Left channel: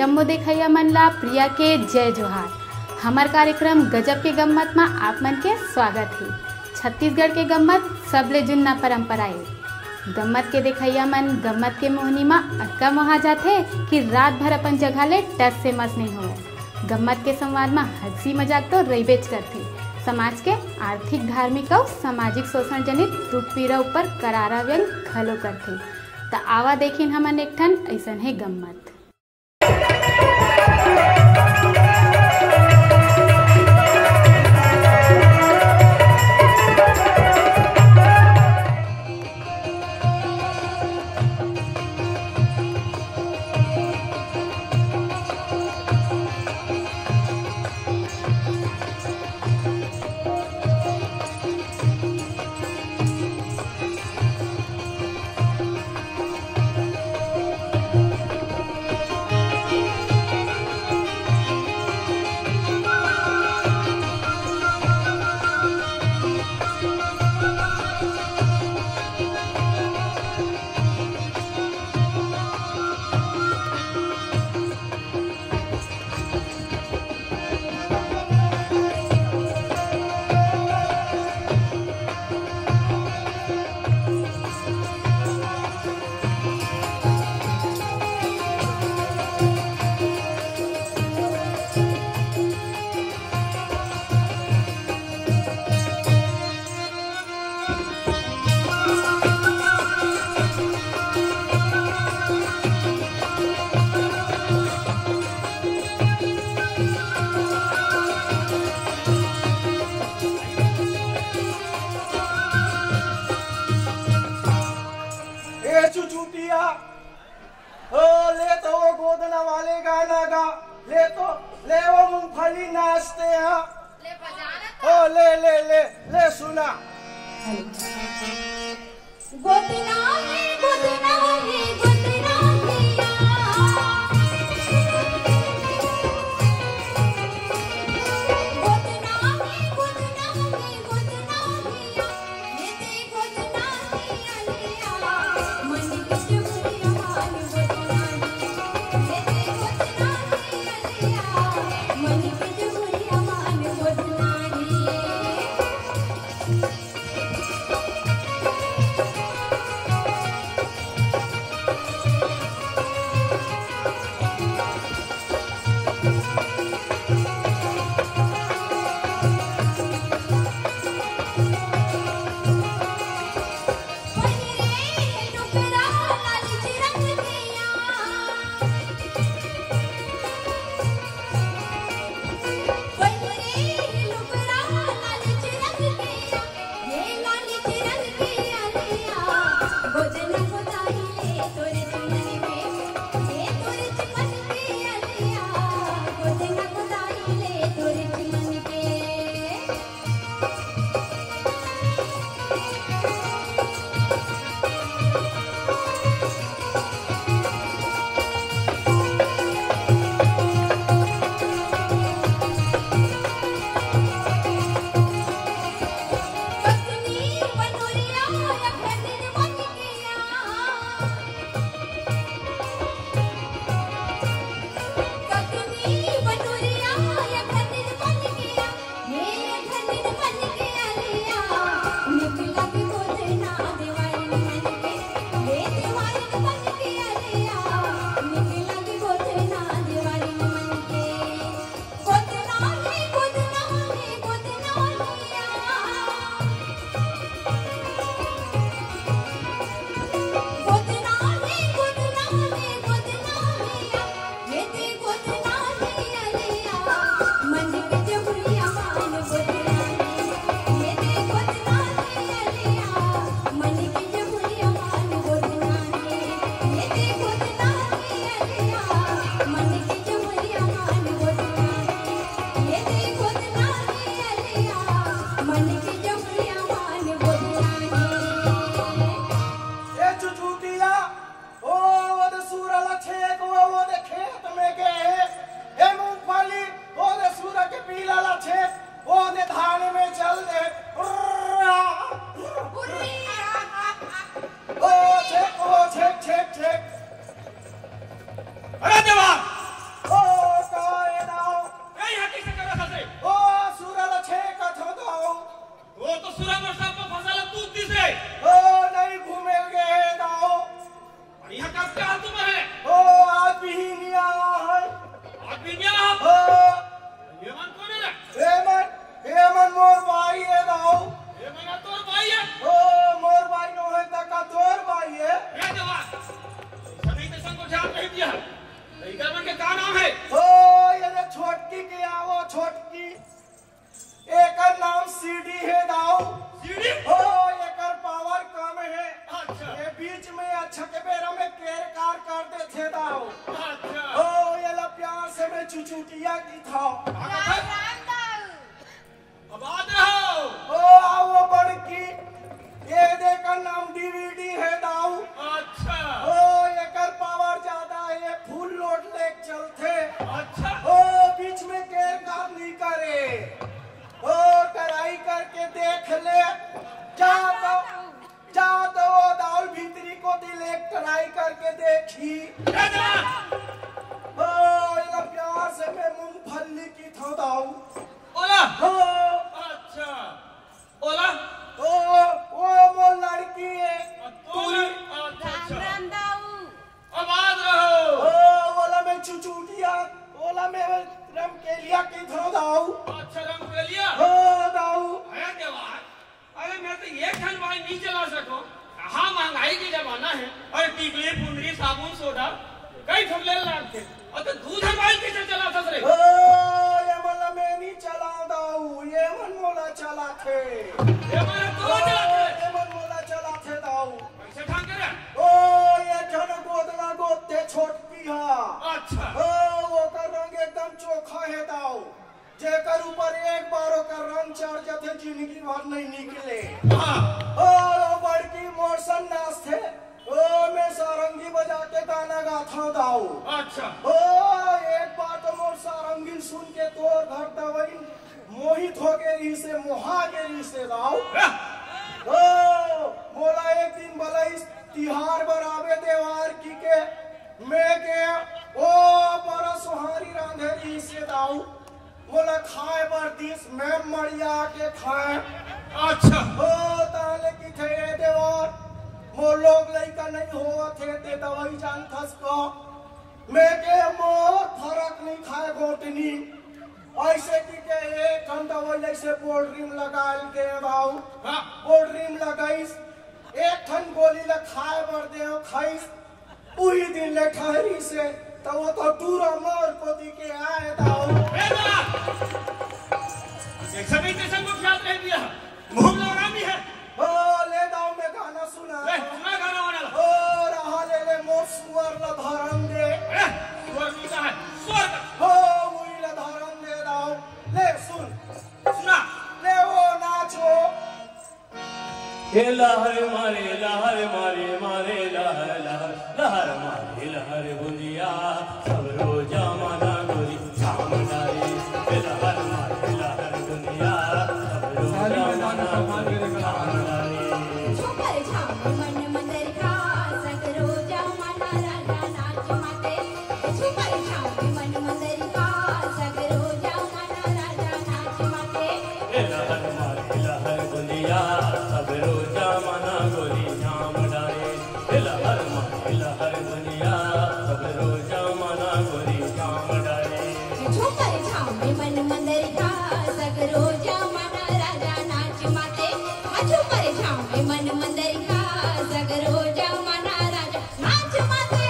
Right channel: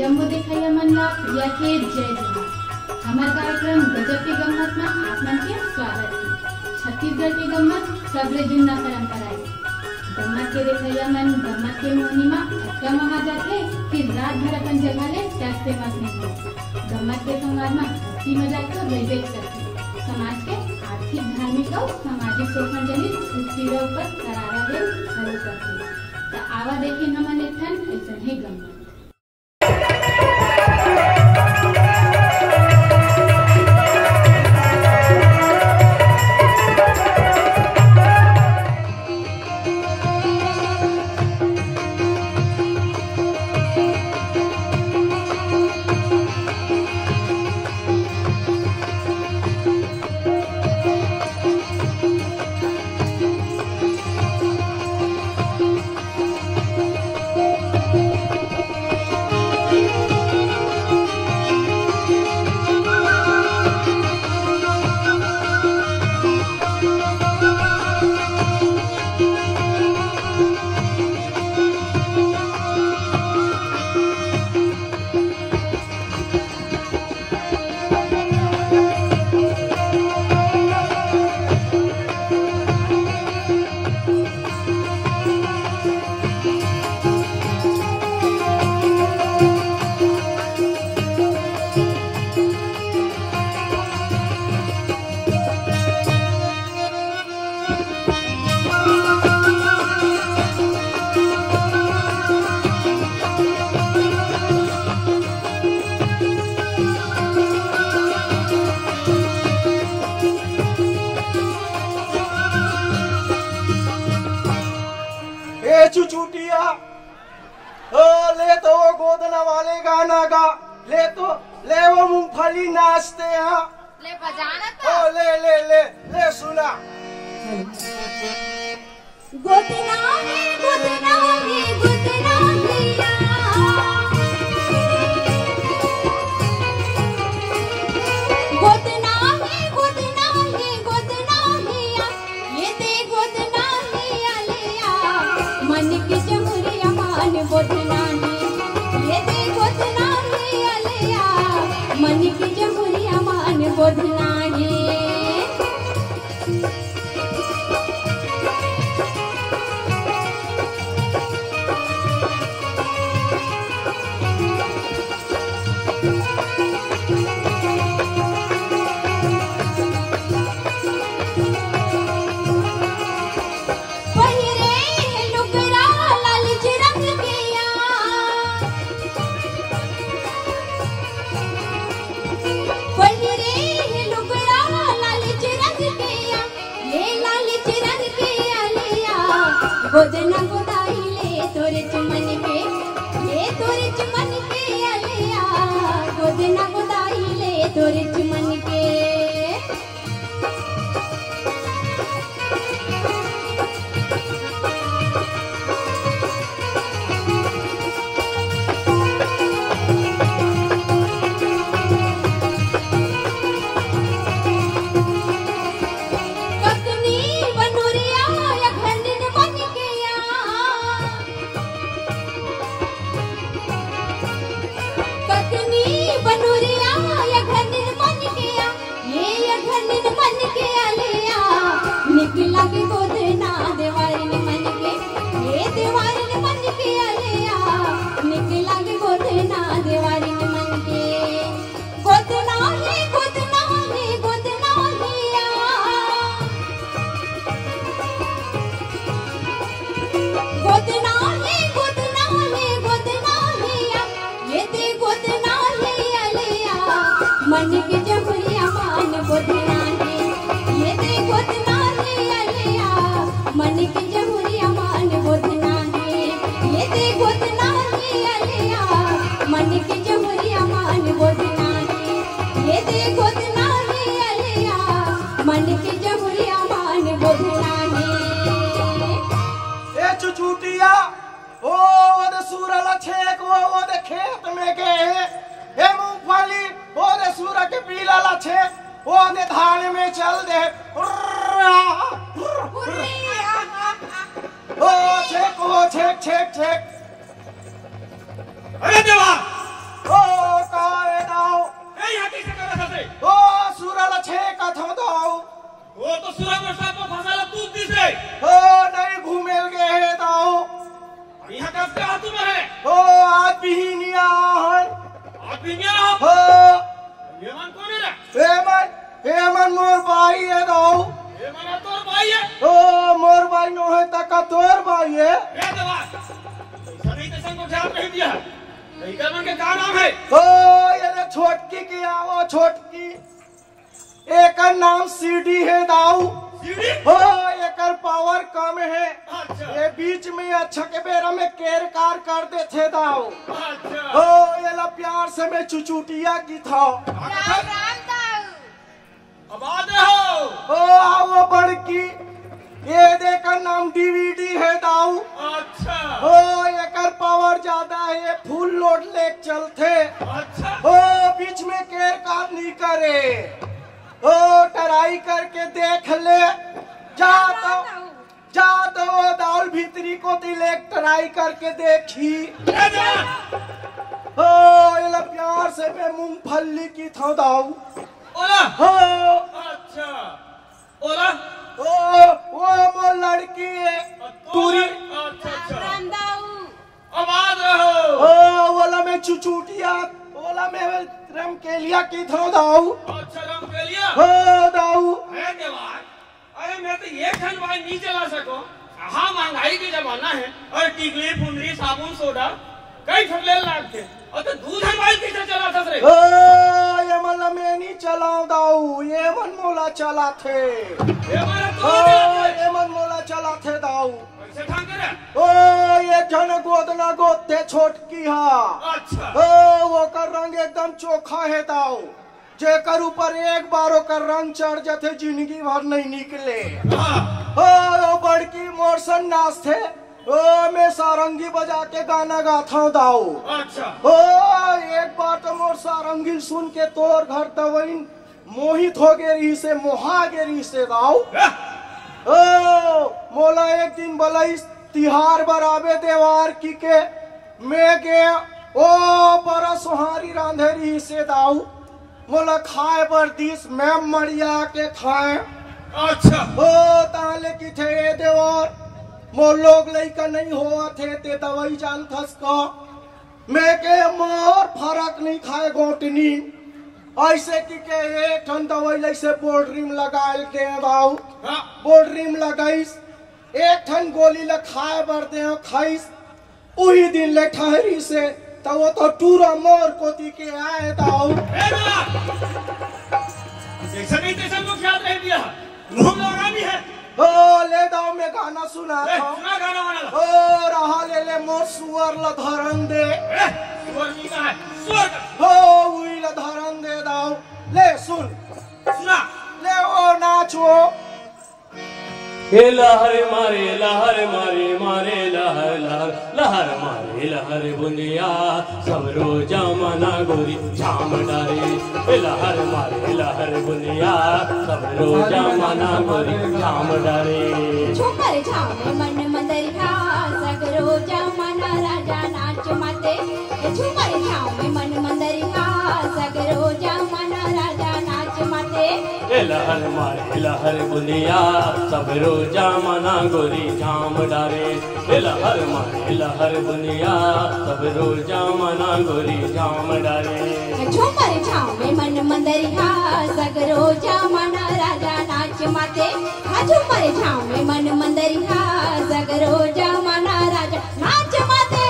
जम्मू देखैया मन ला प्रिया के जय जोहार। हमार कार्यक्रम गजब के गम्मत में आप मन के स्वागत है। छत्तीसगढ़ के गम्मत सबले जुन्ना परंपरा है। गम्मत के देखैया मन गम्मत के मोहनी में अतका मोहा जाते कि रात भर अपन जगह ले टस से मस नहीं हो। गम्मत के संवाद में हंसी मजाक तो रहीबेच करती। समाज के आर्थिक, धार्मिक और सामाजिक शोषण जनित दुख पीड़ा ऊपर करारा व्यंग खलो करती। तो आवा देखिन हमन एक ठन ऐसा है गम्मत। चुचुटिया ले तो वो गोदना वाले गाना गा, ले तो ले वो मूंगफली नाचते हैं, ले बजाना तो ले ले ले ले सुना। गोदना है गोदना है गोदना हिया, गोदना है गोदना है गोदना हिया, ये दे गोदना हिया लिया मन के जमुरिया मान गोदना है, ये दे गोदना हिया लिया मन के जमुरिया मान गोदना है। गोदना गोदाई ले तोरे चमन के, ले तोरे चमन के अलिया, गोदना गोदाई ले तोरे चमन के। धान में चल दे छेक छेक छेक। अरे देवा सुरंग सब को फसल तू दिसे ओ नहीं घूमेल गए दाऊ यहाँ कब का तुम है ओ आज भी नहीं आया है आप भी नहीं रहा ओ ये मन कौन है हेमन मोर भाई है दाऊ ये मन तोर भाई है ओ मोर भाई नो है तका तोर भाई है ए देवा सभी तो संग को ध्यान नहीं दिया नहीं कर मन के का नाम है ओ ये छोटकी के आओ छोटकी एक नाम सीडी है दाऊ सीढ़ी ओ एकर पावर कम है अच्छा ये बीच में अच्छा के बेरा में केर कार कर दे थे दाऊ अच्छा ओ ये ला प्यार से मैं चुचुटिया की था अब आ हो ओ आओ बड़की ये देखकर नाम डीवीडी है दाऊ अच्छा ओ एकर पावर ज्यादा है ये फुल लोड ले चलते अच्छा ओ बीच में केर कार नहीं करे ओ टराई करके देख ले जा तो दाउल भीतरी को तिले टराई करके देखी ए जवान ओ ये ला प्यार से मैं मूंगफली की था दाऊ ओला हो अच्छा ओला वो लड़की है पूरी अच्छा अच्छा आवाज रहो ओला में चुचुटिया ओला में रम के लिया की थो दाऊ अच्छा रंग पे लिया हो दाऊ अरे देवार अरे मैं तो ये खन भाई नहीं चला सको हाँ महंगाई के जमाना है और टिकली फुंदरी साबुन सोडा कई ठुकले लागते और तो दूध हलवाई कैसे चला था रे ये मतलब मैं नहीं चलाऊं दाऊ ये मन मोला चला थे ये मारे तो ये मन मोला चला थे दाऊ कैसे ठान करे ओ ये जन गोदना गोते छोटकी हा अच्छा ओ वो कर रंग एकदम चोखा है दाऊ जेकर ऊपर एक बार ओकर रंग चढ़ जाते जिंदगी भर नहीं निकले हाँ ओ बड़की मोरसन नाच थे ओ मैं सारंगी बजा के गाना गाता हूँ दाऊ अच्छा ओ एक बार तो मोर सारंगी सुन के तोर घर तवइन मोहित हो गेरी से मोहा गेरी से दाऊ ओ मोला एक दिन बलई तिहार बराबे देवार की के मैं के ओ बड़ा सुहारी रांधेरी से दाऊ मोला खाए पर दिस मैं मरिया के खाए अच्छा ओ ताले की थे देवार मोर लोग लइका नहीं हुआ थे ते दवाई जान थस का मैं के मोर फरक नहीं खाए गोटनी ऐसे की के एक ठन दवाई लइसे बोल्ड्रीम लगाल के दाऊ हाँ बोल्ड्रीम लगाइस एक ठन गोली ल खाए बर दे खाइस उही दिन ले ठहरी से तो वो तो टूरा मोर कोती के आए दाऊ ए बोला एक सभी तेसन को ख्याल रह दिया मुंह लगा भी है ओ ले दाऊ मैं गाना सुना ए था सुना गाना वाला ओ रहा ले मोर सुअर ल धरन दे स्वर नहीं का है स्वर का हो उई ल धरन दे दाऊ ले सुन सुना ले ओ नाचो हे लहर मारे मारे लहर लहर लहर मारे लहर बुनिया सब रोजा मना गोरी छाम डारे हे लहर मारे लहर बुनिया सब रोजा मना गोरी छाम डारे झुमर झाम मन मंदरिया सगरो जमाना राजा नाच माते झुमर झाम मन मंदरिया सगरो जमाना राजा नाच माते हे लहर मारे लहर बुनिया सब रोजा मना गोरी छाम डारे हे लहर मारे लहर बुनिया सब रोजा मना गोरी छाम डारे झुमर झाम मन मंदरिया सगरो जमाना राजा नाच माते झुमर झाम मन मंदरिया सगरो जमाना राजा नाच माते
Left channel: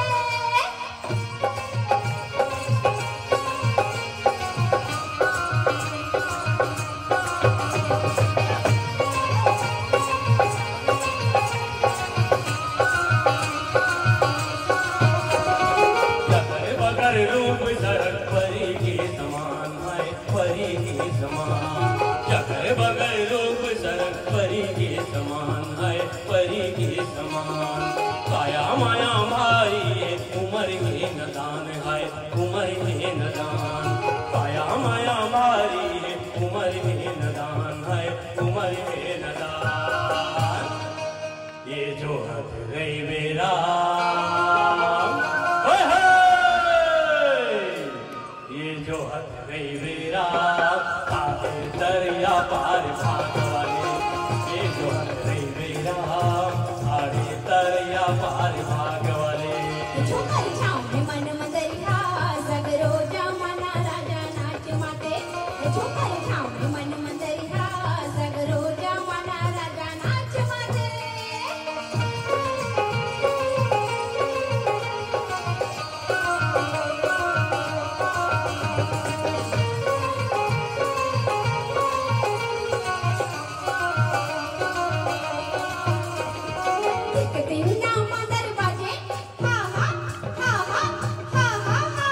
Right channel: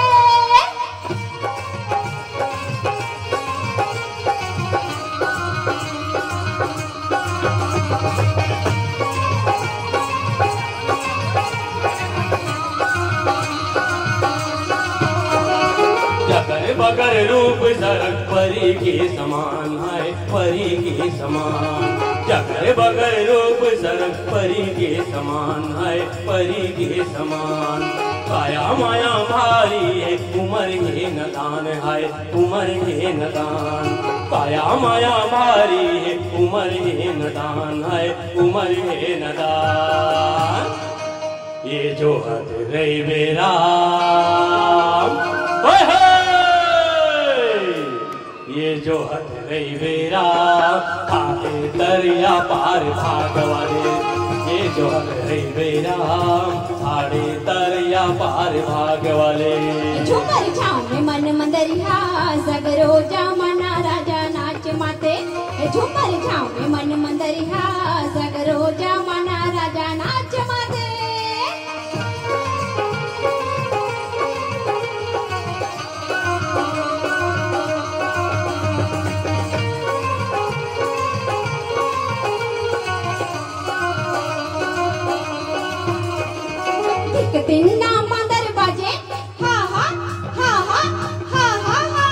बगर रूप सरक परी के समान है परी के समान चकर बगर रूप सरक परी के समान है परी के समान काया माया भारी है उमर के नदान है उमर के नदान काया माया भारी है उमर के नदान है उमर के नदान ये जो हद रही मेरा ये जो हद रही मेरा खाते दरिया पार भाग वाले जोहर रे बेराम ठाड़े तरैया पार भाग वाले झूमर छाँव में मन मंदरिया सगरो जमाना राजा नाच माते झूमर छाँव में मन मंदरिया सगरो जमाना राजा नाच माते तिन्ना मदर बाजे हा हा हा हा हा हा हा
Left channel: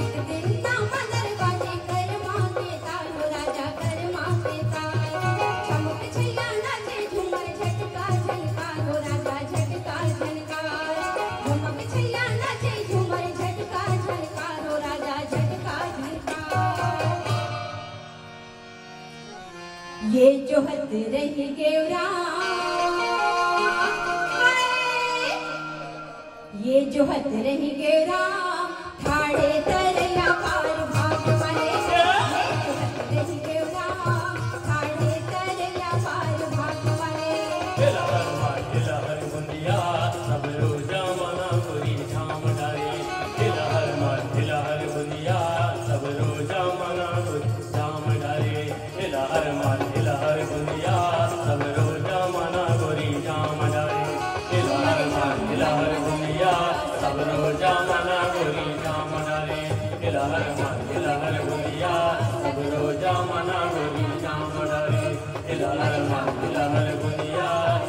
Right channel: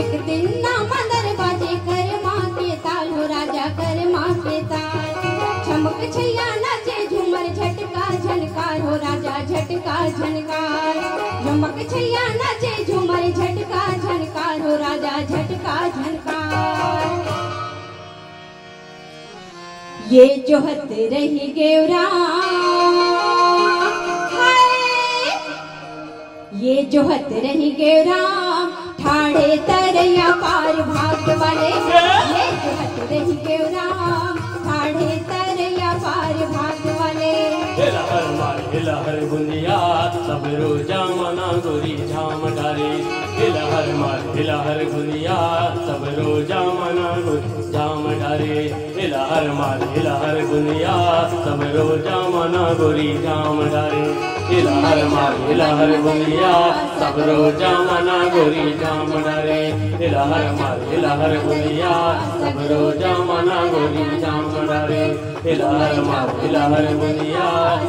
एक तिन्ना मदर बाजे कर माँ के ताल हो राजा कर माँ के ताल चमक छैया नाचे झूमर झटका झनकार हो राजा झटका झनकार चमक छैया नाचे झूमर झटका झनकार हो राजा झटका झनकार ये जोहत रही गेवरा ये जोहत रही गेवरा ठाड़े तरैया पार भाग वाले ये जोहत रही गेवरा ठाड़े तरैया पार भाग वाले हिलहर मार हिलहर गुंदिया सब रोजा मना गोरी झाम डारे हिलहर मार हिलहर गुंदिया सब रोजा मना गोरी झाम डारे हिलहर मार हिलहर गुंदिया सब रोजा मना गोरी झाम डारे हिलहर मार हिलहर गुंदिया सब रोजा मना गोरी झाम डारे हिलहर मार हिलहर गुंदिया सब रोजा मना गोरी झाम डारे हिलहर मार हिलहर गुंदिया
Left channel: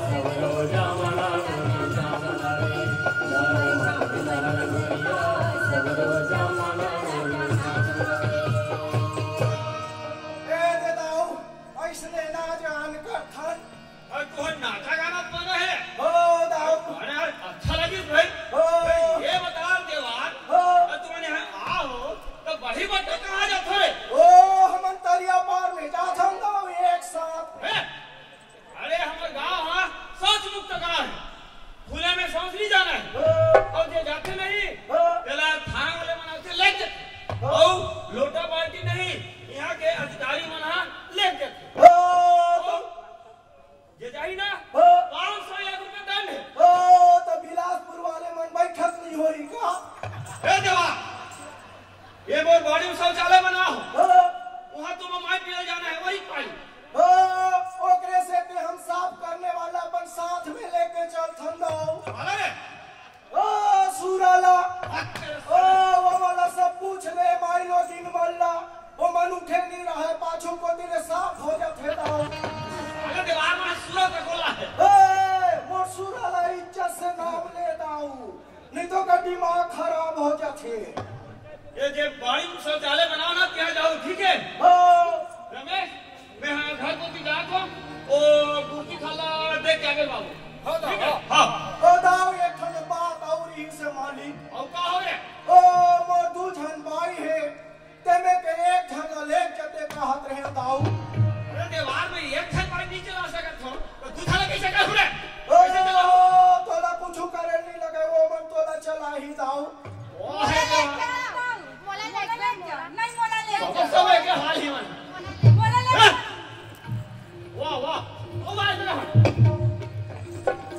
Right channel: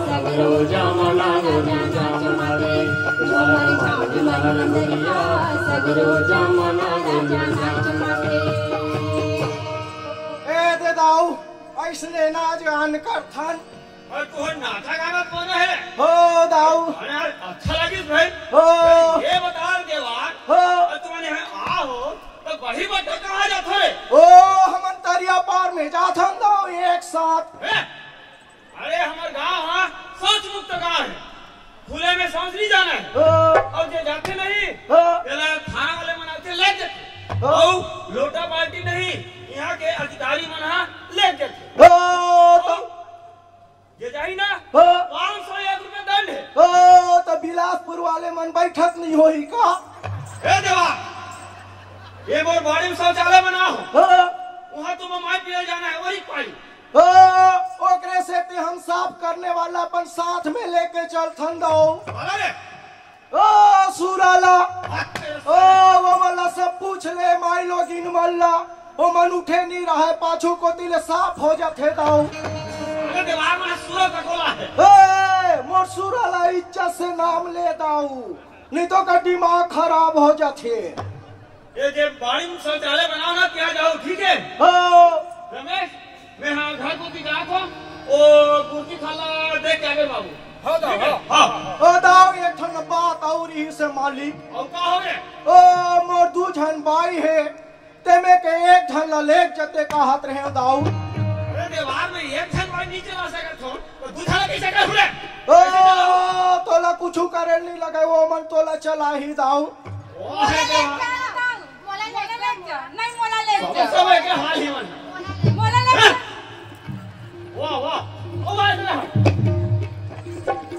सब रोजा मना गोरी झाम डारे हिलहर मार हिलहर गुंदिया सब रोजा मना गोरी झाम डारे ए दे दाऊ ऐसने ना जान कर थन और तू नाचा गाना कौन है हो दाऊ अरे अच्छा लगी भाई हो ये बता देवान हो तुम्हारे यहाँ आ हो तो बड़ी बट्टा कहाँ जाता है ओ हमन तरिया पार में जाथन दाऊ एक साथ अरे हमारे गाँव हाँ शौच मुक्त गाँव है खुले में शौच नहीं जाना है हो और जो जाते नहीं हो तेला थाना वाले मनाते ले जाते और लोटा बाल्टी नहीं यहाँ के अधिकारी मना ले जाते हो तो ये जाई ना हो 501 रुपए दंड है ओ तो बिलासपुर वाले मन बैठक नहीं होई का हे देवा ये मोर बॉडी में शौचालय बनाओ हो वहाँ तुम मार पिया जाना है वही पाई हो ओकरे से ते हम साफ करने वाला अपन साथ में लेके चल थन दाऊ अरे ओ सुराला ओ वो वाला सब पूछ ले माई लोग इन मल्ला वो मन उठे नहीं रहा है पाछू को दिल साफ हो जाते दाऊ अरे दीवार में सूरत खोला है ए मोर सुराला इज्जत से नाम ले दाऊ नहीं तो का दिमाग खराब हो जाते ये जे बॉडी में शौचालय बनाओ ना क्या जाओ ठीक है हो रमेश मैं हाँ घर को दिखा को ओ गुटी खाला देख के आगे बाबू हो दाऊ हाँ ओ दाऊ एक ठन बात और ही से मालिक और का हो गया ओ मोर दू झन भाई है ते में के एक झन लेक जते कहत रहे दाऊ अरे दीवार में एक छत वाली नहीं चला सकत हो तो दूसरा कैसे कर हुए ओ तोला कुछ करे नहीं लगे वो मन तोला चला ही दाऊ ओ है देवा मोला ले नहीं मोला ले सब है के हाल ही मन मोला ले वाह वाह ओ वाह इधर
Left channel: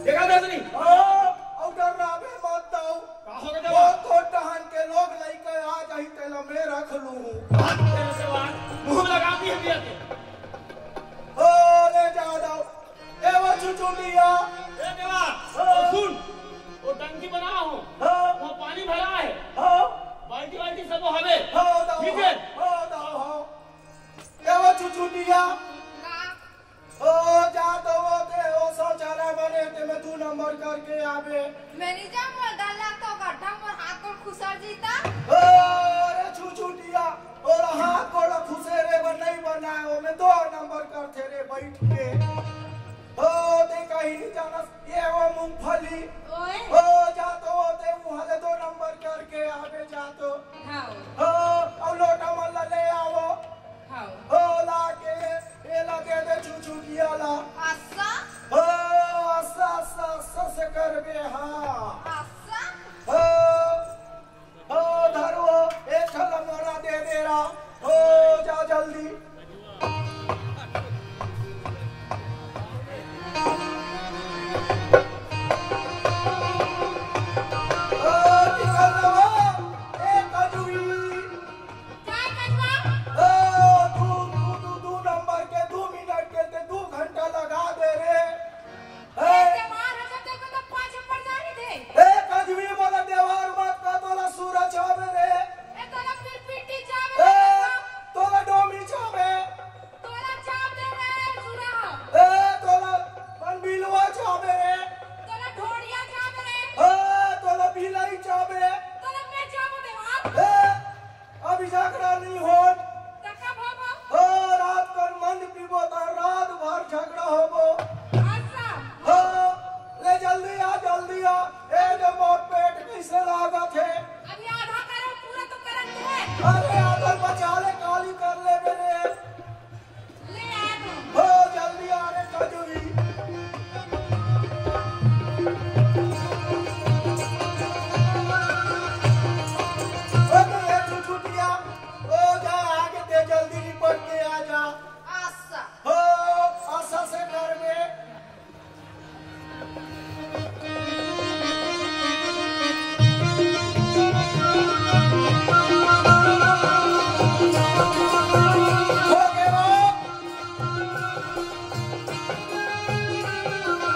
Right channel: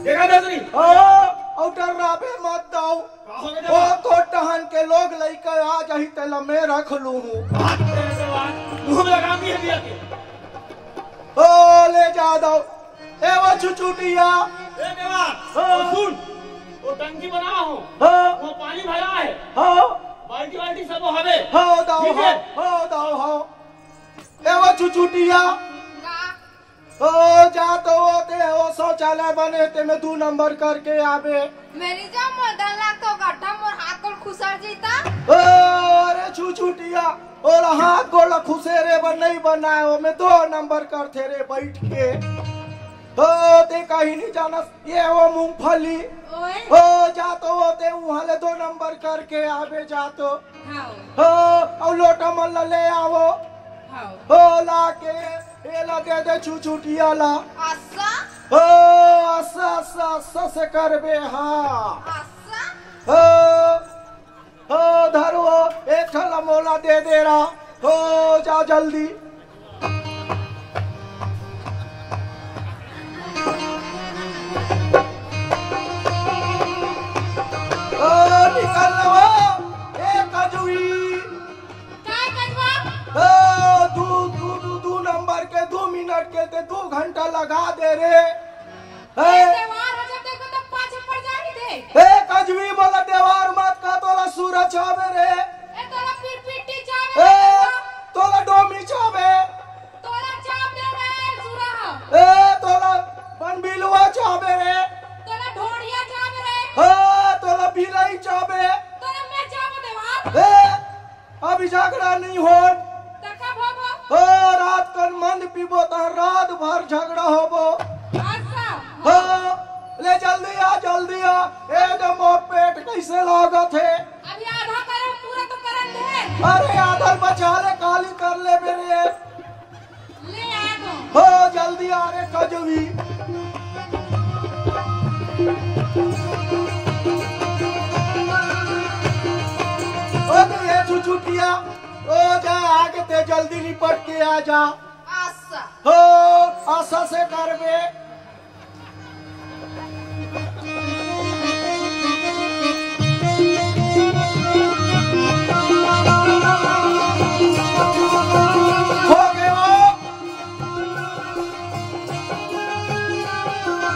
देखा था नहीं ओ आउटर राबे मत दाऊ का हो गया ओ देवा तो टहन के लोग लइके आ जाही तेला मैं रख लूं हाथ तेरे देवा मुंह में लगा दी है दिया के ओ ले जा दाऊ ए वो चुचुटिया ए देवा ओ सुन वो टंकी बना हो हो वो पानी भरा है हो बाल्टी बाल्टी सब हवे हो दाऊ ठीक है हो दाऊ हो ए वो चुचुटिया ओ जा तो वो ते वो शौचालय बने ते में 2 नंबर करके आवे मेरी जो डाला तो गड्ढा मोर हाथ को खुसर जीता ओ अरे चुचुटिया और हाथ गोड़ खुसेरे बन नहीं बनाए वो में 2 नंबर करते रे बैठ के ओ ते कहीं नहीं जाना ये वो मूंगफली ओए ओ जा तो वो ते वहां ले 2 नंबर करके आवे जा तो हां ओ और लोटा मल्ला ले आवो हां ओ ला के एला दे चुचुटिया ला आसा ओ आसा आसा आसा से करबे हाँ आसा ओ धरो एक थला मोला दे दे रहा हो जा जल्दी झगड़ा होबो। अच्छा हो ले जल्दी आ ए जो मोर पेट कैसे लागत है। अभी आधा करो पूरा तो करत है। अरे आधा बचा ले काली कर ले मेरे। ले आए हो जल्दी आ रे कजवी। छुटिया ओ जा आगे ते जल्दी निपट के आ जा। आशा हो आशा से करबे। हो गया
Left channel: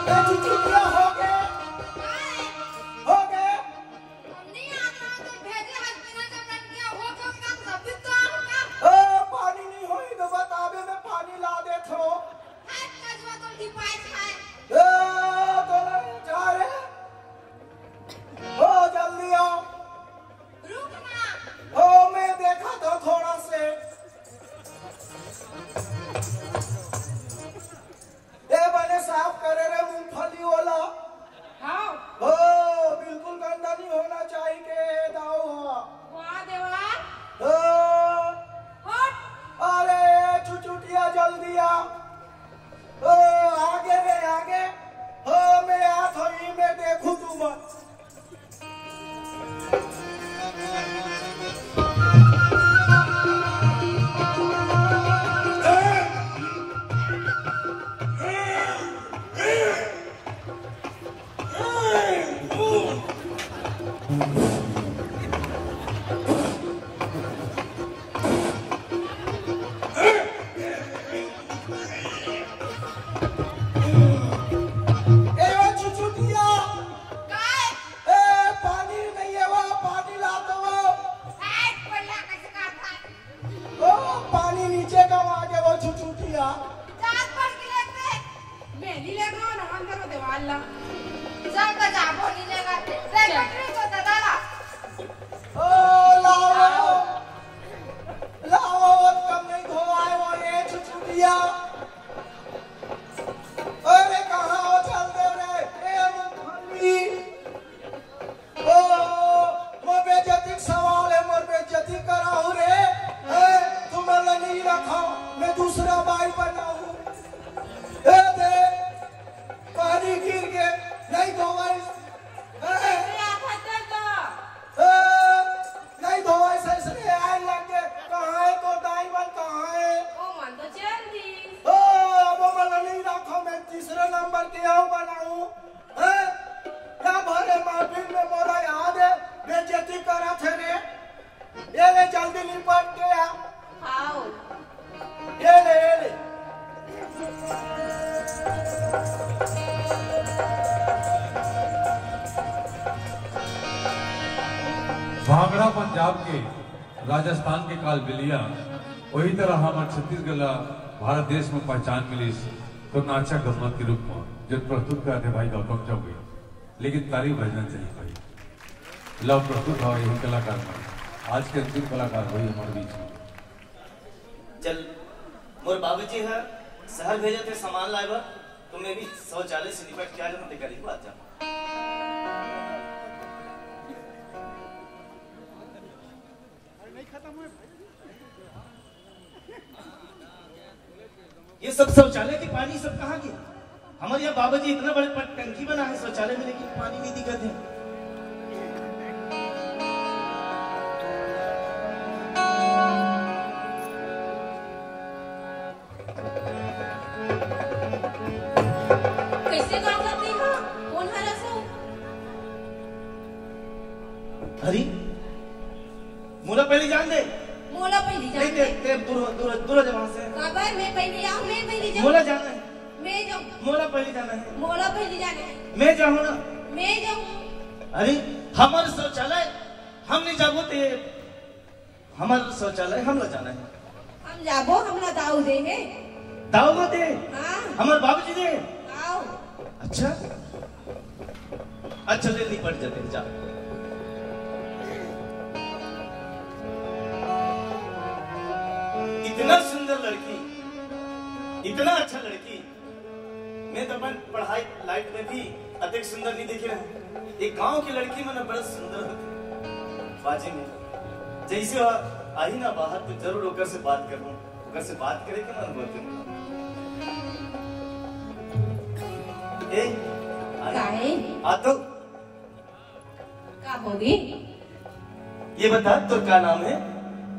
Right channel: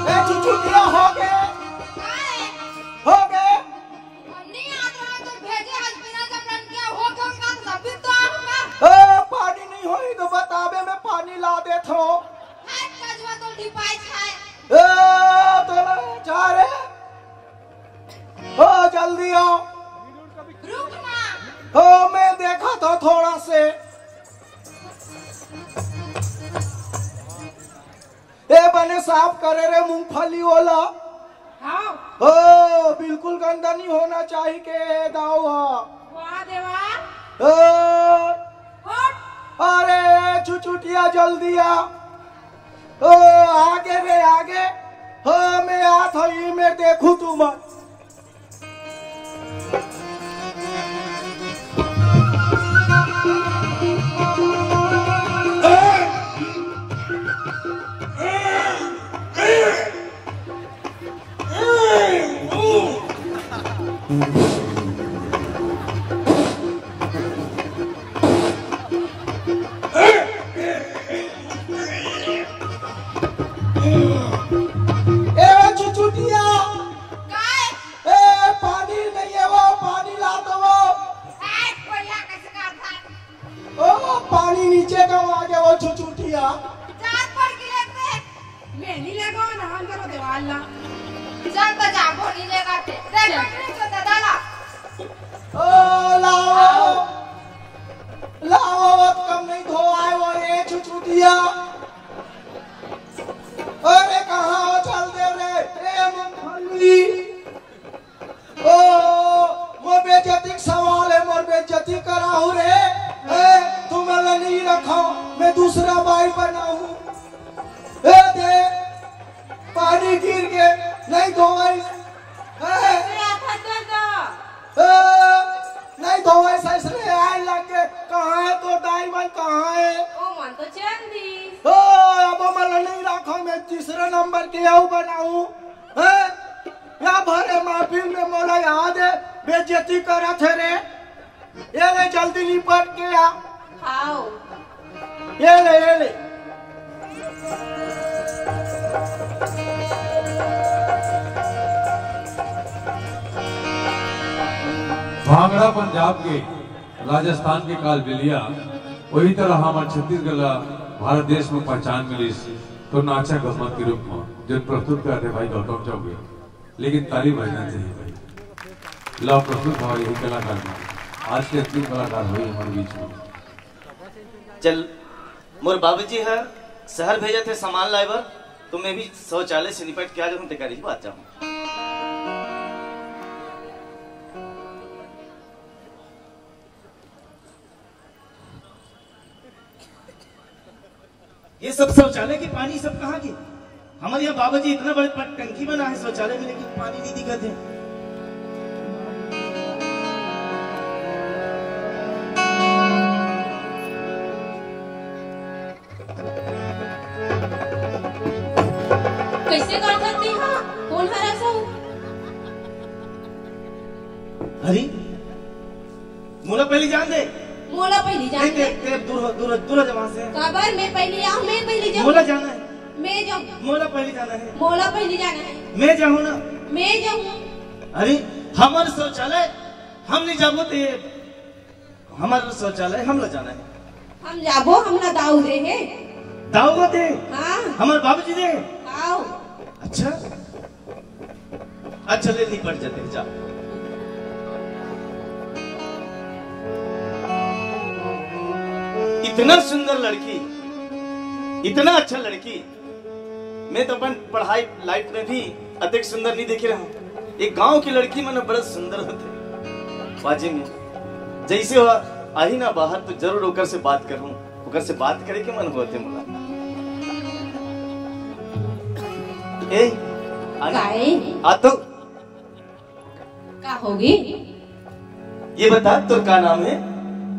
ए छुटिया हो गए हो गए। नहीं आता तो भेजे हस्बैंड जब रन किया हो कम काम सब तो आपका पानी नहीं होई तो बताबे मैं पानी ला देत हो। है कजवा तो डिपाई है। तोरा जा रे। हो जल्दी आओ। रुक ना हो मैं देखा था थोड़ा से। ए बने साफ करे रे मूंगफली वाला। हां हो बिल्कुल गंदा नहीं होना चाहिए के दाओ। वाह देवा हो हट अरे छुचुटिया जल्दी आ। ओ आगे रे आगे। हो मैं आ थई मैं देखूं तुम। चल बजा भोली लेगा थे देख तो दादा लाओ कम नहीं धो आए वो ये छुछुटिया। अरे कहाँ हो चल दे रे ए मूंगफली। ओ मोर बेइज्जती सवाल है मोर बेइज्जती कराऊ रे। तुम नहीं रखो मैं दूसरा बाइक बनाऊं। दे पानी गिर के नहीं धोई। नहीं धोए ससुरे आए लगे कहाँ है तो डाइवर कहाँ है। ओ मन तो चंदी अब मैं नहीं रखो मैं तीसरा नंबर के आऊ बनाऊं। या भरे महफिल में मोला याद है बेइज्जती करा थे रे। ये ले जल्दी निपट के आ। आओ ये ले भांगड़ा पंजाब के राजस्थान के कालबेलिया वही तरह हमारे छत्तीसगढ़ भारत देश में पहचान मिली तो नाचा गम्मत के रूप में जो प्रस्तुत कर रहे भाई गौतम चौबे। लेकिन ताली बजना चाहिए भाई लव प्रस्तुत भाव यही कलाकार में आज के अंतिम कलाकार हुई हमारे बीच में। चल मोर बाबूजी है शहर भेजे थे सामान लाइबर तो मैं भी शौचालय से निपट के आ जाऊँ तैयारी बात जाऊँ। ये सब शौचालय के पानी सब कहाँ के? हमारे यहाँ बाबूजी इतना बड़े टंकी बना है शौचालय में लेकिन पानी नहीं दिक्कत है। कैसे काम करते हैं कौन हरा सा हरी मोला पहले जान दे। मोला पहले नहीं जाने ते दूर दूर दूर जमा से खबर मैं पहले आऊं मैं पहले जाऊं मोला जाना है। मैं जाऊं मोला पहले जाना है। मोला पहले जाना है मैं जाऊँ ना। मैं जाऊं अरे हमारे शौचालय हम नहीं जाबो ते हमारे शौचालय हम लोग जाना है। हम जाबो हमरा दाऊ दे है दाऊ को दे हां हमारे बाबूजी दे। आओ अच्छा अच्छा ले निपट जाते जा। इतना सुंदर लड़की इतना अच्छा लड़की मैं तो अपन पढ़ाई लाइफ में भी अधिक सुंदर नहीं देखे रहा। एक गांव की लड़की मन बड़ा सुंदर होते बाजी में जैसे हुआ आई ना बाहर तो जरूर ओकर से बात करूं, ओकर से बात करे के मन होते मुला। ए काहे आ तो का होगी? ये बता तोर का नाम है?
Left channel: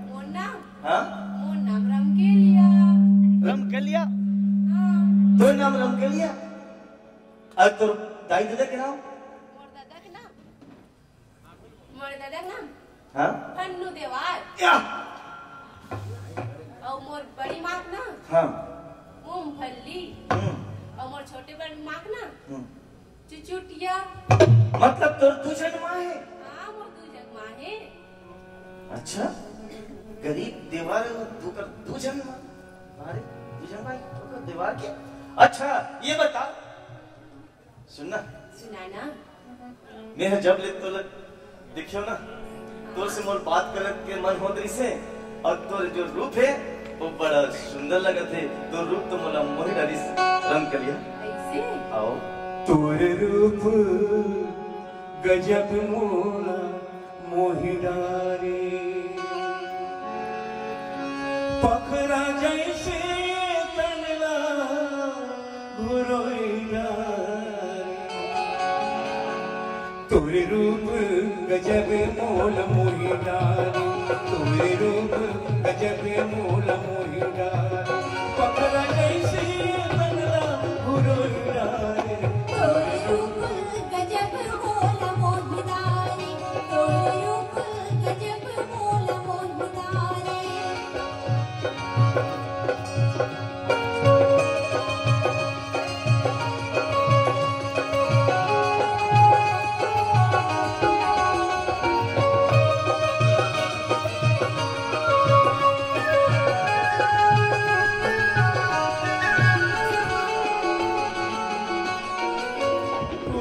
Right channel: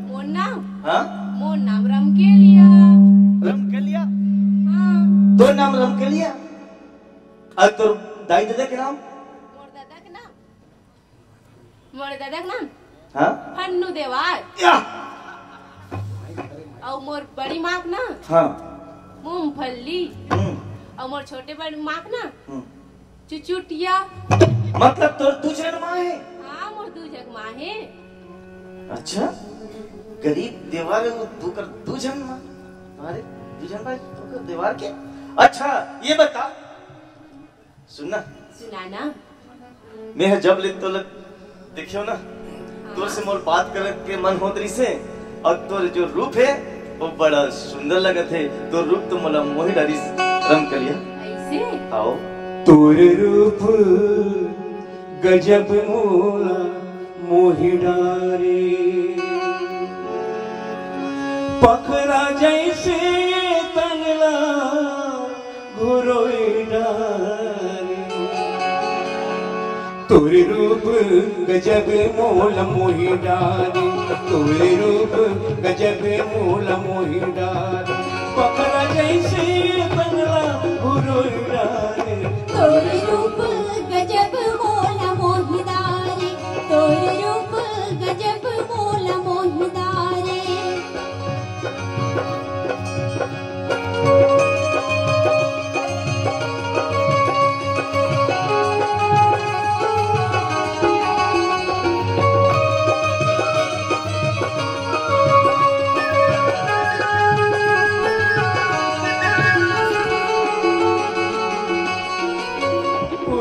मोर नाम? हाँ मोर नाम रमकेलिया। रमकेलिया? हाँ। तोर नाम रमकेलिया? और तोर दाई दादा के नाम? मोर दादा के नाम? मोर दादा के नाम? हाँ फन्नू देवार। या और मोर बड़ी माँ के नाम? हाँ मूंगफली। और मोर छोटे बड़ी माँ के नाम? चुचुटिया। मतलब तोर दूसरा माँ है? हाँ मोर दूजक माँ है। अच्छा गरीब देवार दूकर दूजन माँ? अरे दूजन भाई दूकर देवार के? अच्छा ये बता सुनना सुनाना मैं जब ले तो देखियो ना तोर से मोर बात करत के मन होत रही से और तोर जो रूप है वो बड़ा सुंदर लगत है। तो रूप तो मला मोहि डाली रमकेलिया। ऐसे आओ तोर रूप गजब मोला मोहि डारे, पखरा जैसे तनला घुरोई डारे। तोर रूप गजब मोला मोहि डारे, तोर रूप गजब मोला मोहि डारे, पखरा जैसे तनला घुरोई डारे। तोरे रूप गजब मोला मोहिदारे, तोरे रूप गजब मोला मोहिदारे।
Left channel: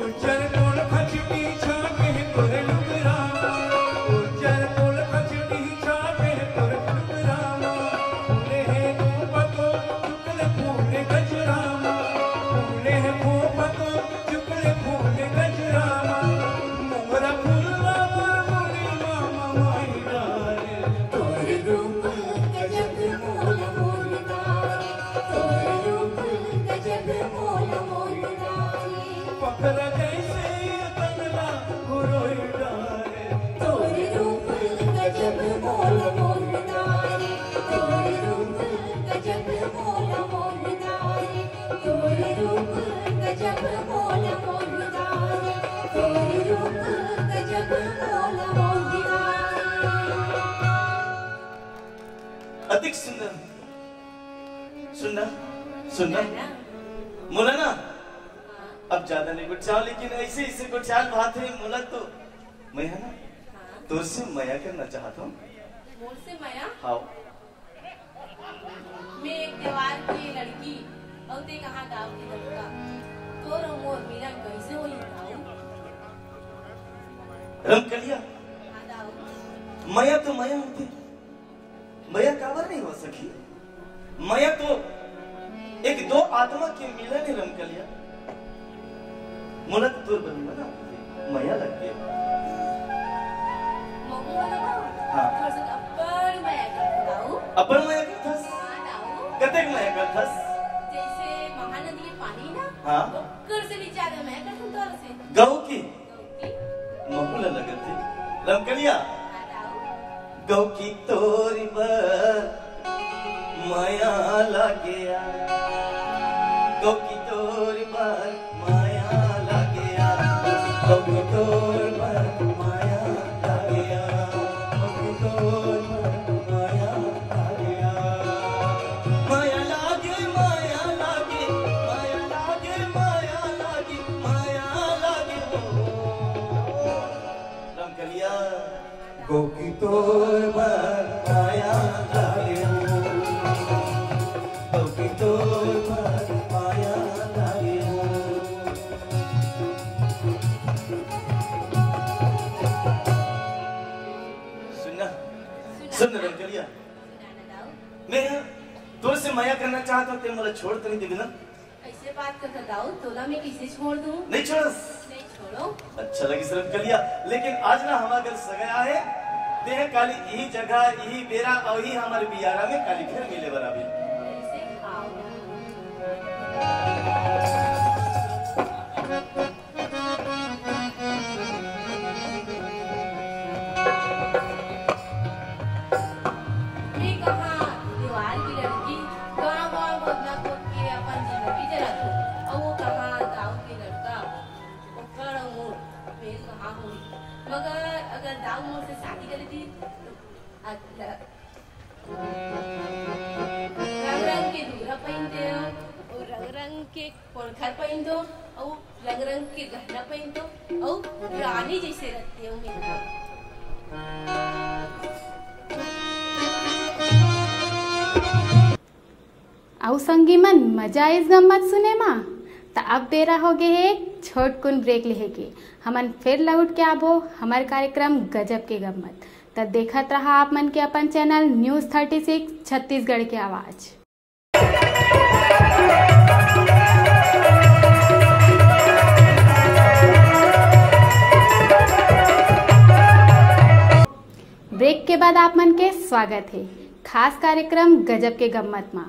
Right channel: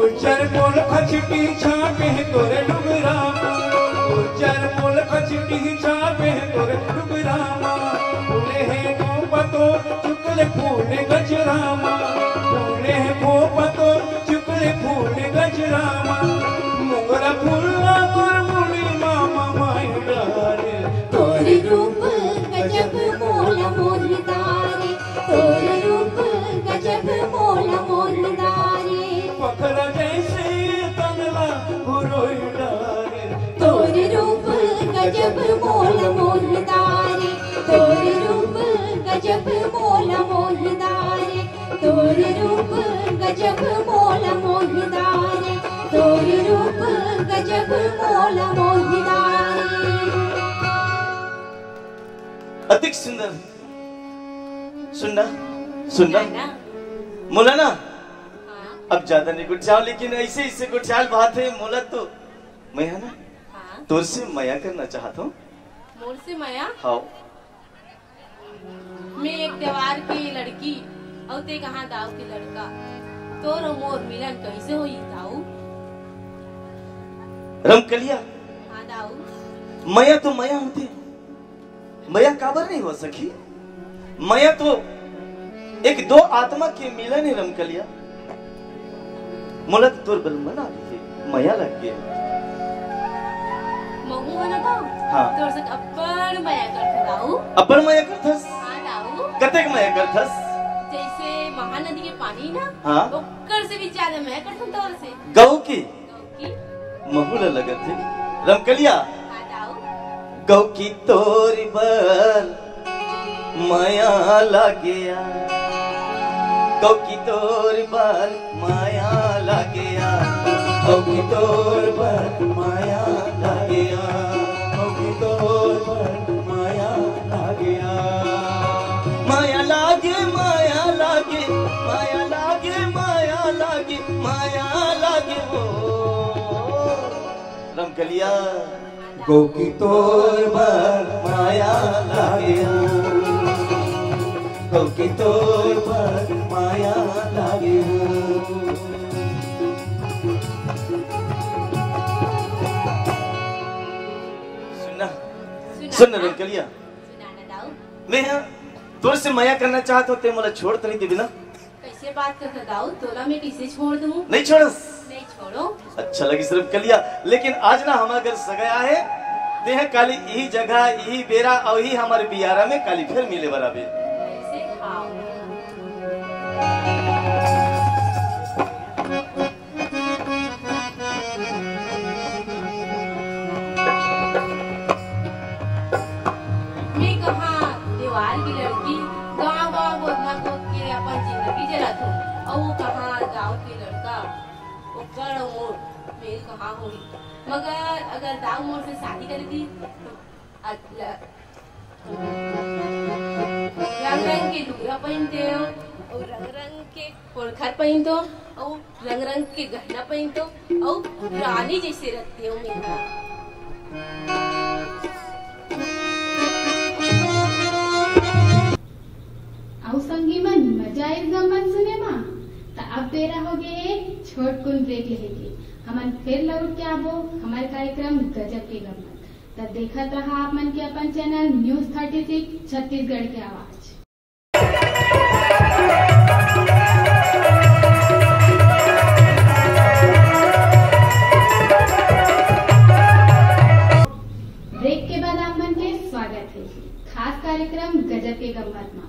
उज्जर मोल खचटी छापे तोर डुगरा, उज्जर मोल खचटी छापे तोर डुगरा। फूले है गोपतो चुकले फूले गजरामा, फूले है गोपतो चुकले फूले गजरामा। मोगरा फूला और मुनी मामा माई डाले। तोरे रूप गजब मोला मोहिदारे, तोरे रूप गजब मोला मोहिदारे। पखरा जैसे तनला घुरोई डाले। तोरे रूप गजब मोला मोहिदारे, तोरे रूप गजब मोला मोहिदारे, तोरे रूप गजब मोला मोहिदारे, तोरे रूप गजब मोला मोहिदारे। अधिक सुंदर सुनना सुनना नाना, मोला ना हाँ, अब ज्यादा नहीं गुटचाओ लेकिन ऐसे इससे गुटचाल बात है मोला तो मैं है ना हाँ, तोर से मया करना चाहता हूँ। मोर से माया। हाँ मैं एक त्योहार की लड़की और ते कहाँ गाँव की लड़का, तोर और मोर मिलन कैसे हुई ताऊ? रमकेलिया हाँ दाऊ। मया तो मया होती, मया काबर नहीं हो सकी। मया तो एक दो आत्मा के मिलन है रमकेलिया। मोला तो तोर बल मना मया लग गया। महू वाला दाऊ। हाँ। तोर से अब्बड़ माया करता दाऊ। अपन मया करथस हाँ दाऊ। कतेक मया करथस? जैसे महानदी के पानी ना, हाँ। ओकर से भी ज्यादा माया करता तोर से। गौ की गौ की? महुला लगत है रमकेलिया। हाँ दाऊ। गौ की तोरी पर माया लागया, गौ की तोरी पर माया लागया, गौ की तोरी पर माया लागया, गौ की तोरी पर माया लागया। माया लागे माया लागे माया लागे माया लागे माया लागे हो रमकेलिया। गौ की तोर पर माया लागे, गौ की तोर पर माया लागे। सुनना सुन रमकेलिया, सुनाना दाऊ। मैं तोर से माया करना चाहता हूँ ते मोला छोड़ तो नहीं देबी ना? कैसे बात करता दाऊ, तोला मैं कैसे छोड़ दूं? नहीं छोड़स। नहीं छोड़ो। अच्छा लगी सिर्फ कलिया, लेकिन आज ना हमारा घर सगाया है, देह काली यही जगह यही बेरा और यही हमारे बियारा में काली फिर मिले बराबर। कैसे खाओ? मैं कहाँ दीवार की लड़की गाँव बोलना को के अपन जिंदगी जला दो, और वो कहाँ गाँव के लड़का वो कड़ मोड़ मैं कहाँ हुई। मगर अगर दाऊ मोड़ से शादी कर दी तो रंग रंग के दूरा पहनते हो और रंग रंग के पोलखर पहन दो और रंग रंग के गहना पहन दो और रानी जैसे रखते हो मेरा। आउ संगी मन मजा इस गम्मत सुने मा तो अब तेरा हो गए है छोट कुन ब्रेक लेहे के हमन फिर लौट के आबो हमार कार्यक्रम गजब के गम्मत। तो देखत रहा आप मन के अपन चैनल न्यूज 36 छत्तीसगढ़ की आवाज। ब्रेक के बाद आप मन के स्वागत है खास कार्यक्रम गजब के गम्मत मा।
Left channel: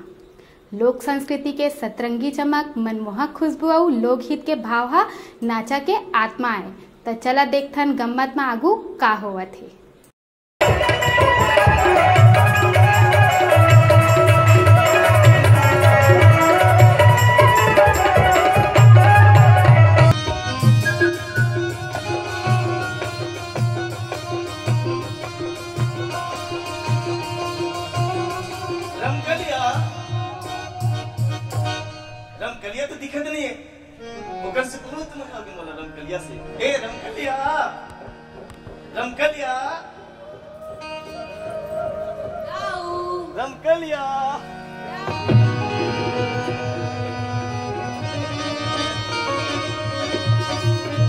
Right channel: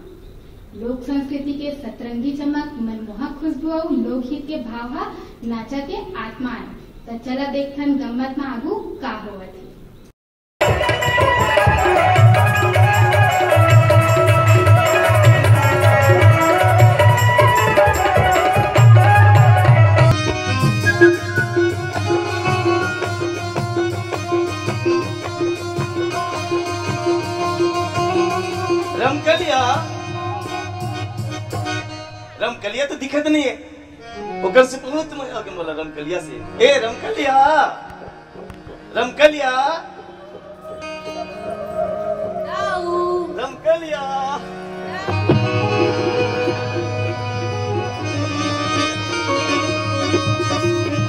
लोक संस्कृति के सतरंगी चमक, मनमोहक खुशबू और लोकहित के भाव हा नाचा के आत्मा है। तो चला देखथन गम्मत में आगू का होवत है। रमकलिया तो दिखत नहीं है, ओकर से बहुत मजा आके बोला रमकलिया से। ए रमकलिया, रमकलिया, दाऊ, रमकलिया।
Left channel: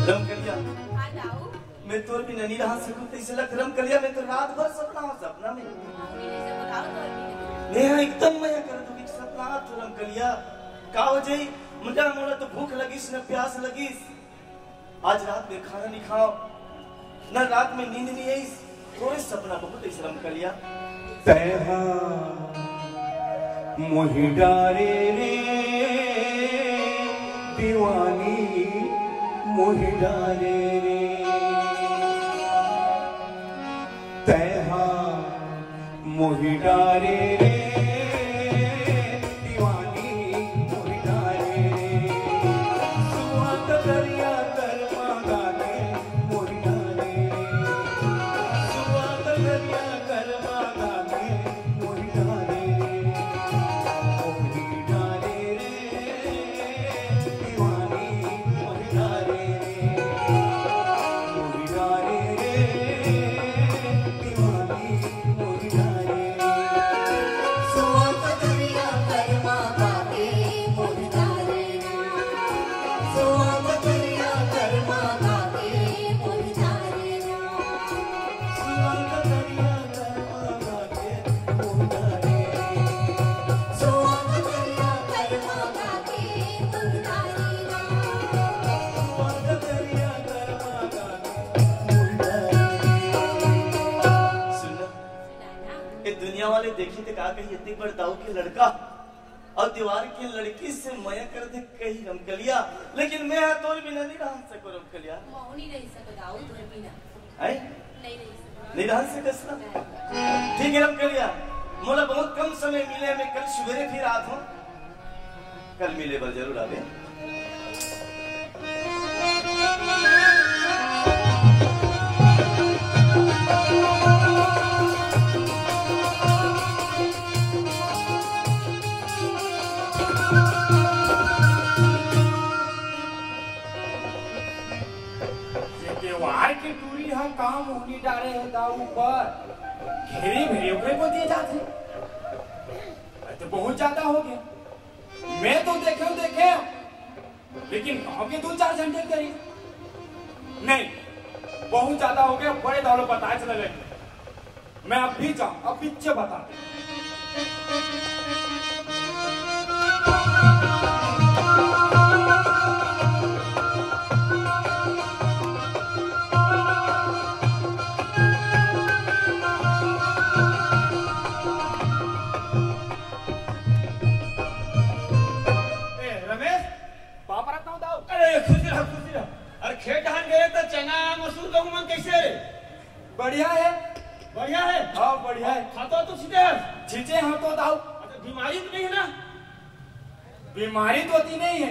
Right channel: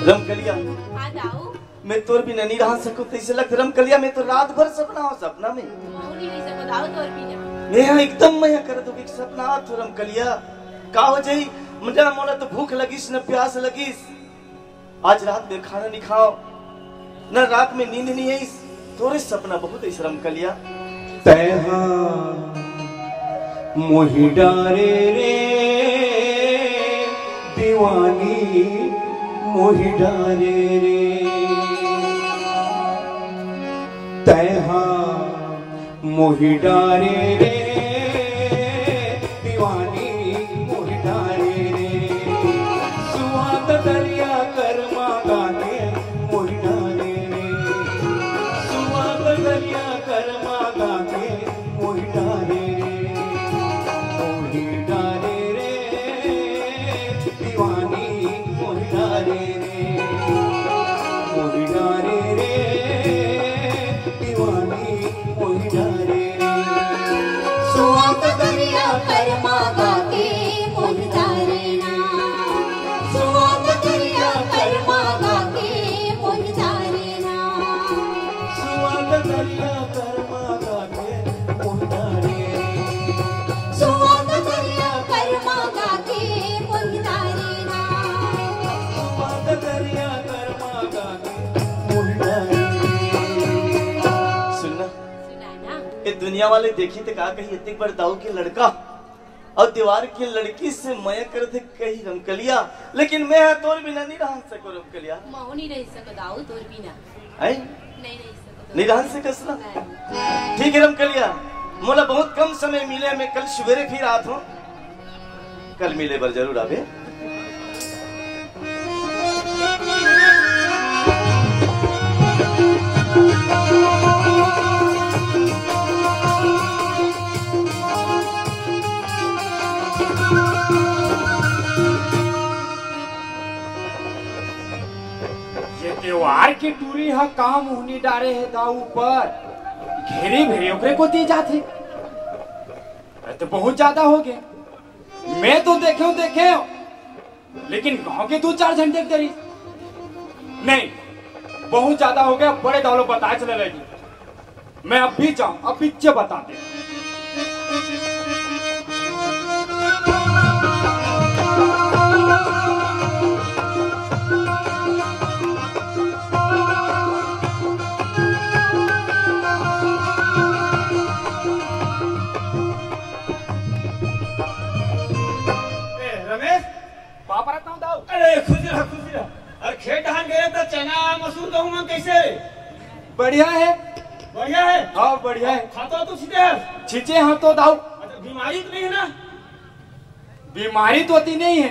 रमकलिया, हाँ दाऊ, मैं तोर बिना नहीं रह सकूं, ऐसे लगता रमकलिया मैं तो रात भर सपना हो, सपना में मौली नहीं सब दाऊ तोर बिना। मैं एकदम मया करत हो कि सपना आ तो रमकलिया का हो जाई। मुझे मोला तो भूख लगिस न प्यास लगिस, आज रात में खाना नहीं खाओ न रात में नींद नहीं आई, तोरे सपना बहुत है रमकलिया। तैहा मोहि डारे रे दीवानी मोहि डारे रे, तैहा मोहि डारे रे दीवानी मोहि डारे रे, सुहाग दरिया कर्मा गाने मोहि डारे रे, सुहाग दरिया कर्मा गाने मोहि डारे रे, मोहि डारे रे दीवानी मोहि डारे रे, मोहि डारे रे दीवानी मोहि डारे रे। सुहाग दरिया कर्मा गाके मोहि डारे ना, सुहाग दरिया कर्मा गाके मोहि डारे ना, सुहाग दरिया कर्मा गाके मोहि डारे रे, सुहाग दरिया कर्मा गाके मोहि डारे ना। सुहाग दरिया कर्मा गाके मोहि डारे रे। सुनना सुनाना ये दुनिया वाले देखी तो का कही इतनी बड़ दाऊ के लड़का और दीवार की लड़की से मया करते कही रमकलिया, लेकिन मैं तोर बिना नहीं रह सको रमकलिया। मौनी रह सको दाऊ तोर बिना, है नहीं रह सको। नहीं रह सकस ना। ठीक है रमकलिया, मोला बहुत कम समय मिले, मैं कल सवेरे फिर आत हूँ, कल मिले पर जरूर आवे। ये त्योहार की टूरी हा काम होनी डारे है गाँव ऊपर घेरी भेरे ओकरे को दी जाती, ये तो बहुत ज्यादा हो गया। मैं तो देखे लेकिन गांव के 2-4 घंटे करी नहीं, बहुत ज्यादा हो गया। बड़े डालो बताए चले लगी, मैं अब भी जाऊं, अब पीछे बताते। खेत धान गए तो चना मसूर गेहूं कैसे रे? बढ़िया है। बढ़िया है। हाँ बढ़िया है। खाता तो सीधे है। छींचे हम तो दाऊ। अच्छा बीमारी तो नहीं है ना? बीमारी तो होती नहीं है,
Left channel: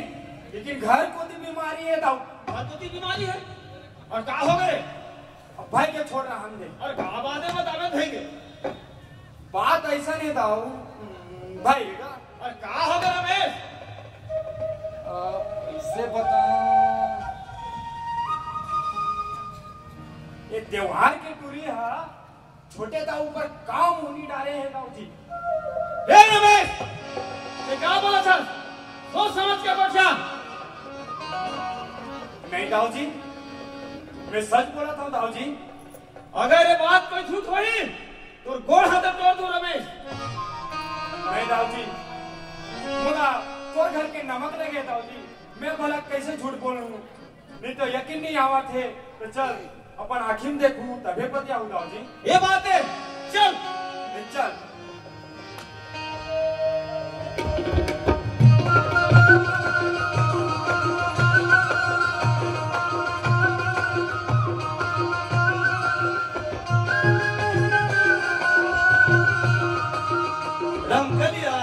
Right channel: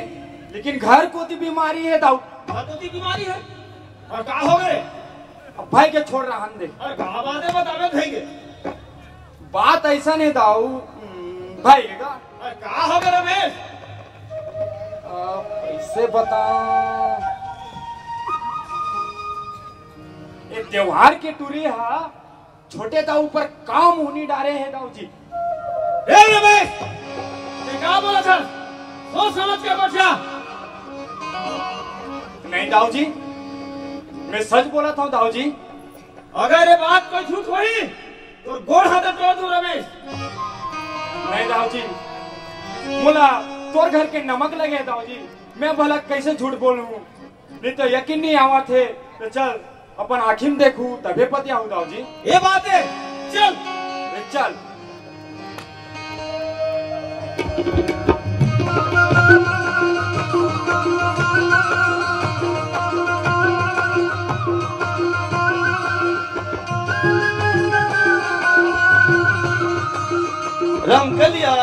लेकिन घर को तो बीमारी है दाऊ। घर को तो बीमारी है। और का हो गए? अब भाई के छोड़ रहा हम दे। और का बात है बतावे भाई के? बात ऐसा नहीं दाऊ भाई का। और का हो गए रमेश? कैसे बता, ये त्योहार की टूरी है, छोटे दाऊ पर काम होनी डाले हैं दाऊ जी। ए रमेश, ये क्या बोला था? सोच समझ के बचा। नहीं दाऊ जी, मैं सच बोला था दाऊ जी। अगर ये बात कोई झूठ हुई तो गोड़ हाथ तोड़ दूं रमेश। नहीं दाऊ जी, बोला तोर घर के नमक लगे दाऊ जी, मैं भला कैसे झूठ बोलूं? नहीं तो यकीन नहीं आवा थे। तो चल अपन आखिम देखूं तबे पतिया हूं दाऊ जी। ये बात है, चल चल। रमकलिया,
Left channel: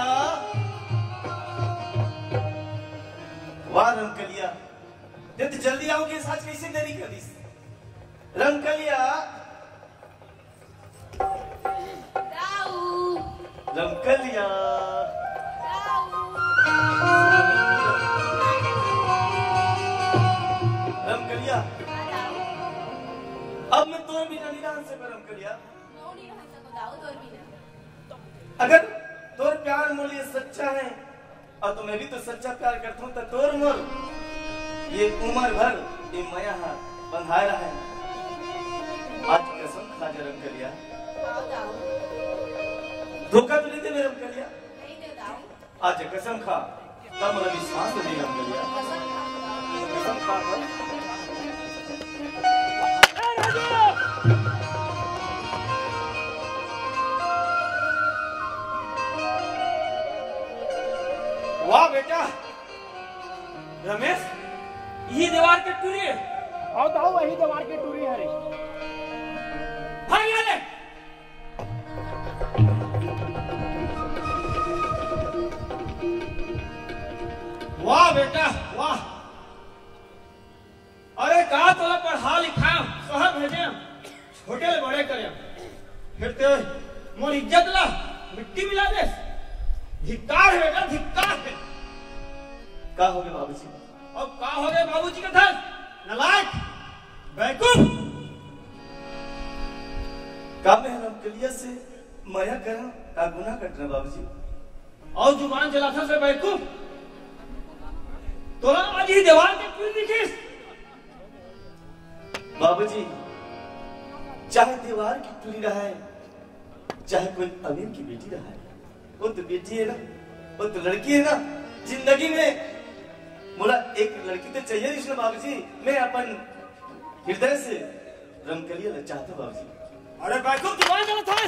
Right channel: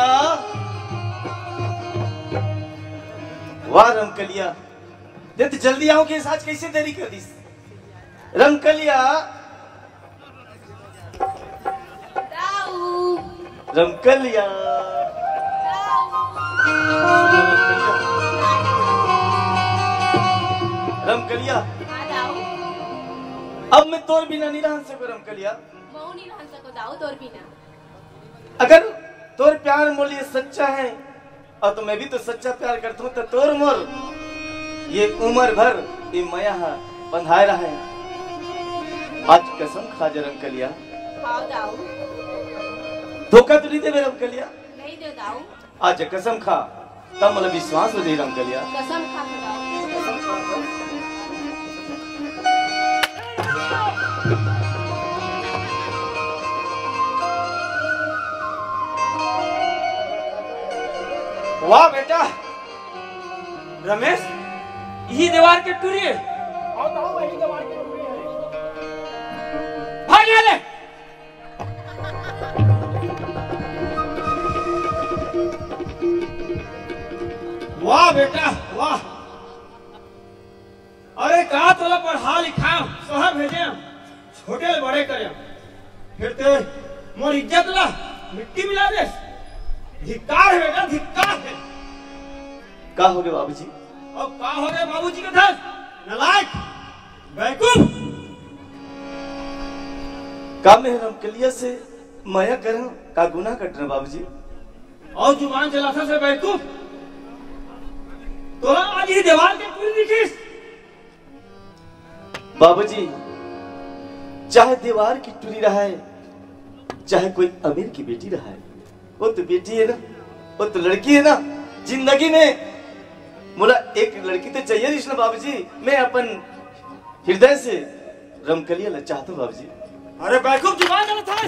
वाह रमकलिया, तो जल्दी आओ के आज कैसे देरी कर दी? रमकलिया, रमकलिया, रमकलिया, अब मैं तोर बिना नहीं रह सकूं रमकलिया। अगर तोर प्यार मोल ये सच्चा है और तो मैं भी तो सच्चा प्यार करता हूँ, तो तोर मोल ये उम्र भर ये माया बंधाए रहा है। आज कसम खा जा रमकलिया, धोखा तो नहीं दे रमकलिया। आज कसम खा, तब मतलब विश्वास हो जाए रमकलिया। कसम खा वाह बेटा रमेश, यही दीवार की टूरी है। आओ दाऊ, वही दीवार की टूरी है। भाग यहाँ ले। वाह बेटा वाह, अरे कहा तोला पढ़ा लिखा शहर भेजे, छोटे ले बड़े करे, फिर ते मोर इज्जत ला मिट्टी मिला दे। धिक्कार है बेटा, धिक्कार है। का हो गए बाबूजी? अब का हो गए बाबूजी के साथ? नालायक, बेवकूफ। का मैं रमकलिया से माया करा, का गुनाह कटना बाबूजी? और जुबान चलाता से बेवकूफ, तोला आज ही दीवार के टूरी दिखीस। बाबूजी, चाहे दीवार की टूरी रहा है, चाहे कोई अमीर की बेटी रहा है, वो तो बेटी है ना, वो तो लड़की है ना। जिंदगी में बोला एक लड़की तो चाहिए ना बाबूजी। मैं अपन हृदय से रमकलिया ले चाहता हूँ बाबूजी। अरे बेवकूफ, जुबान चलाता है।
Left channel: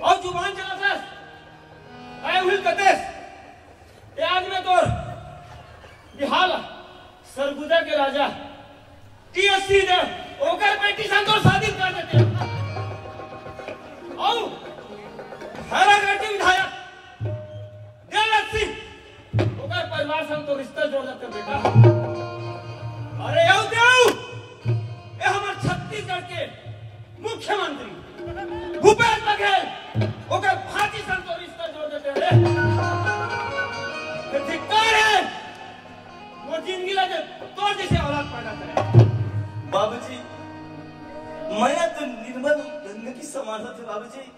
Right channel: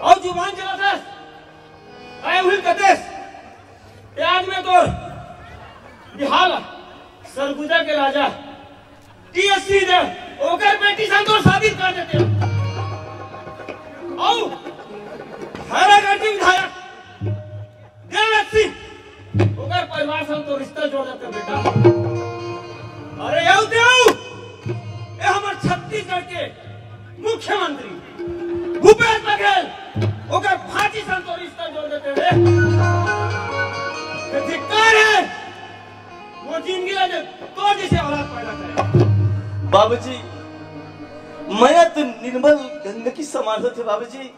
और जुबान चलाता है। आए हुई कदेश, आज में तो बिहार सरगुजा के राजा टीएससी ने ओकर बेटी संतोष शादी कर देते। और हैरागढ़ विधायक देवराज सिंह ओकर परिवार संग तो रिश्ता जोड़ देते बेटा। अरे यौ देव, ये हमारे छत्तीसगढ़ के मुख्यमंत्री भूपेश बघेल ओकर भाजी संग तो रिश्ता जोड़ देते रे। ये धिक्कार है, वो जिंदगी लगे तो जैसे औलाद पैदा करे। बाबूजी, माया तो निर्मल गंगा की समान थे बाबूजी।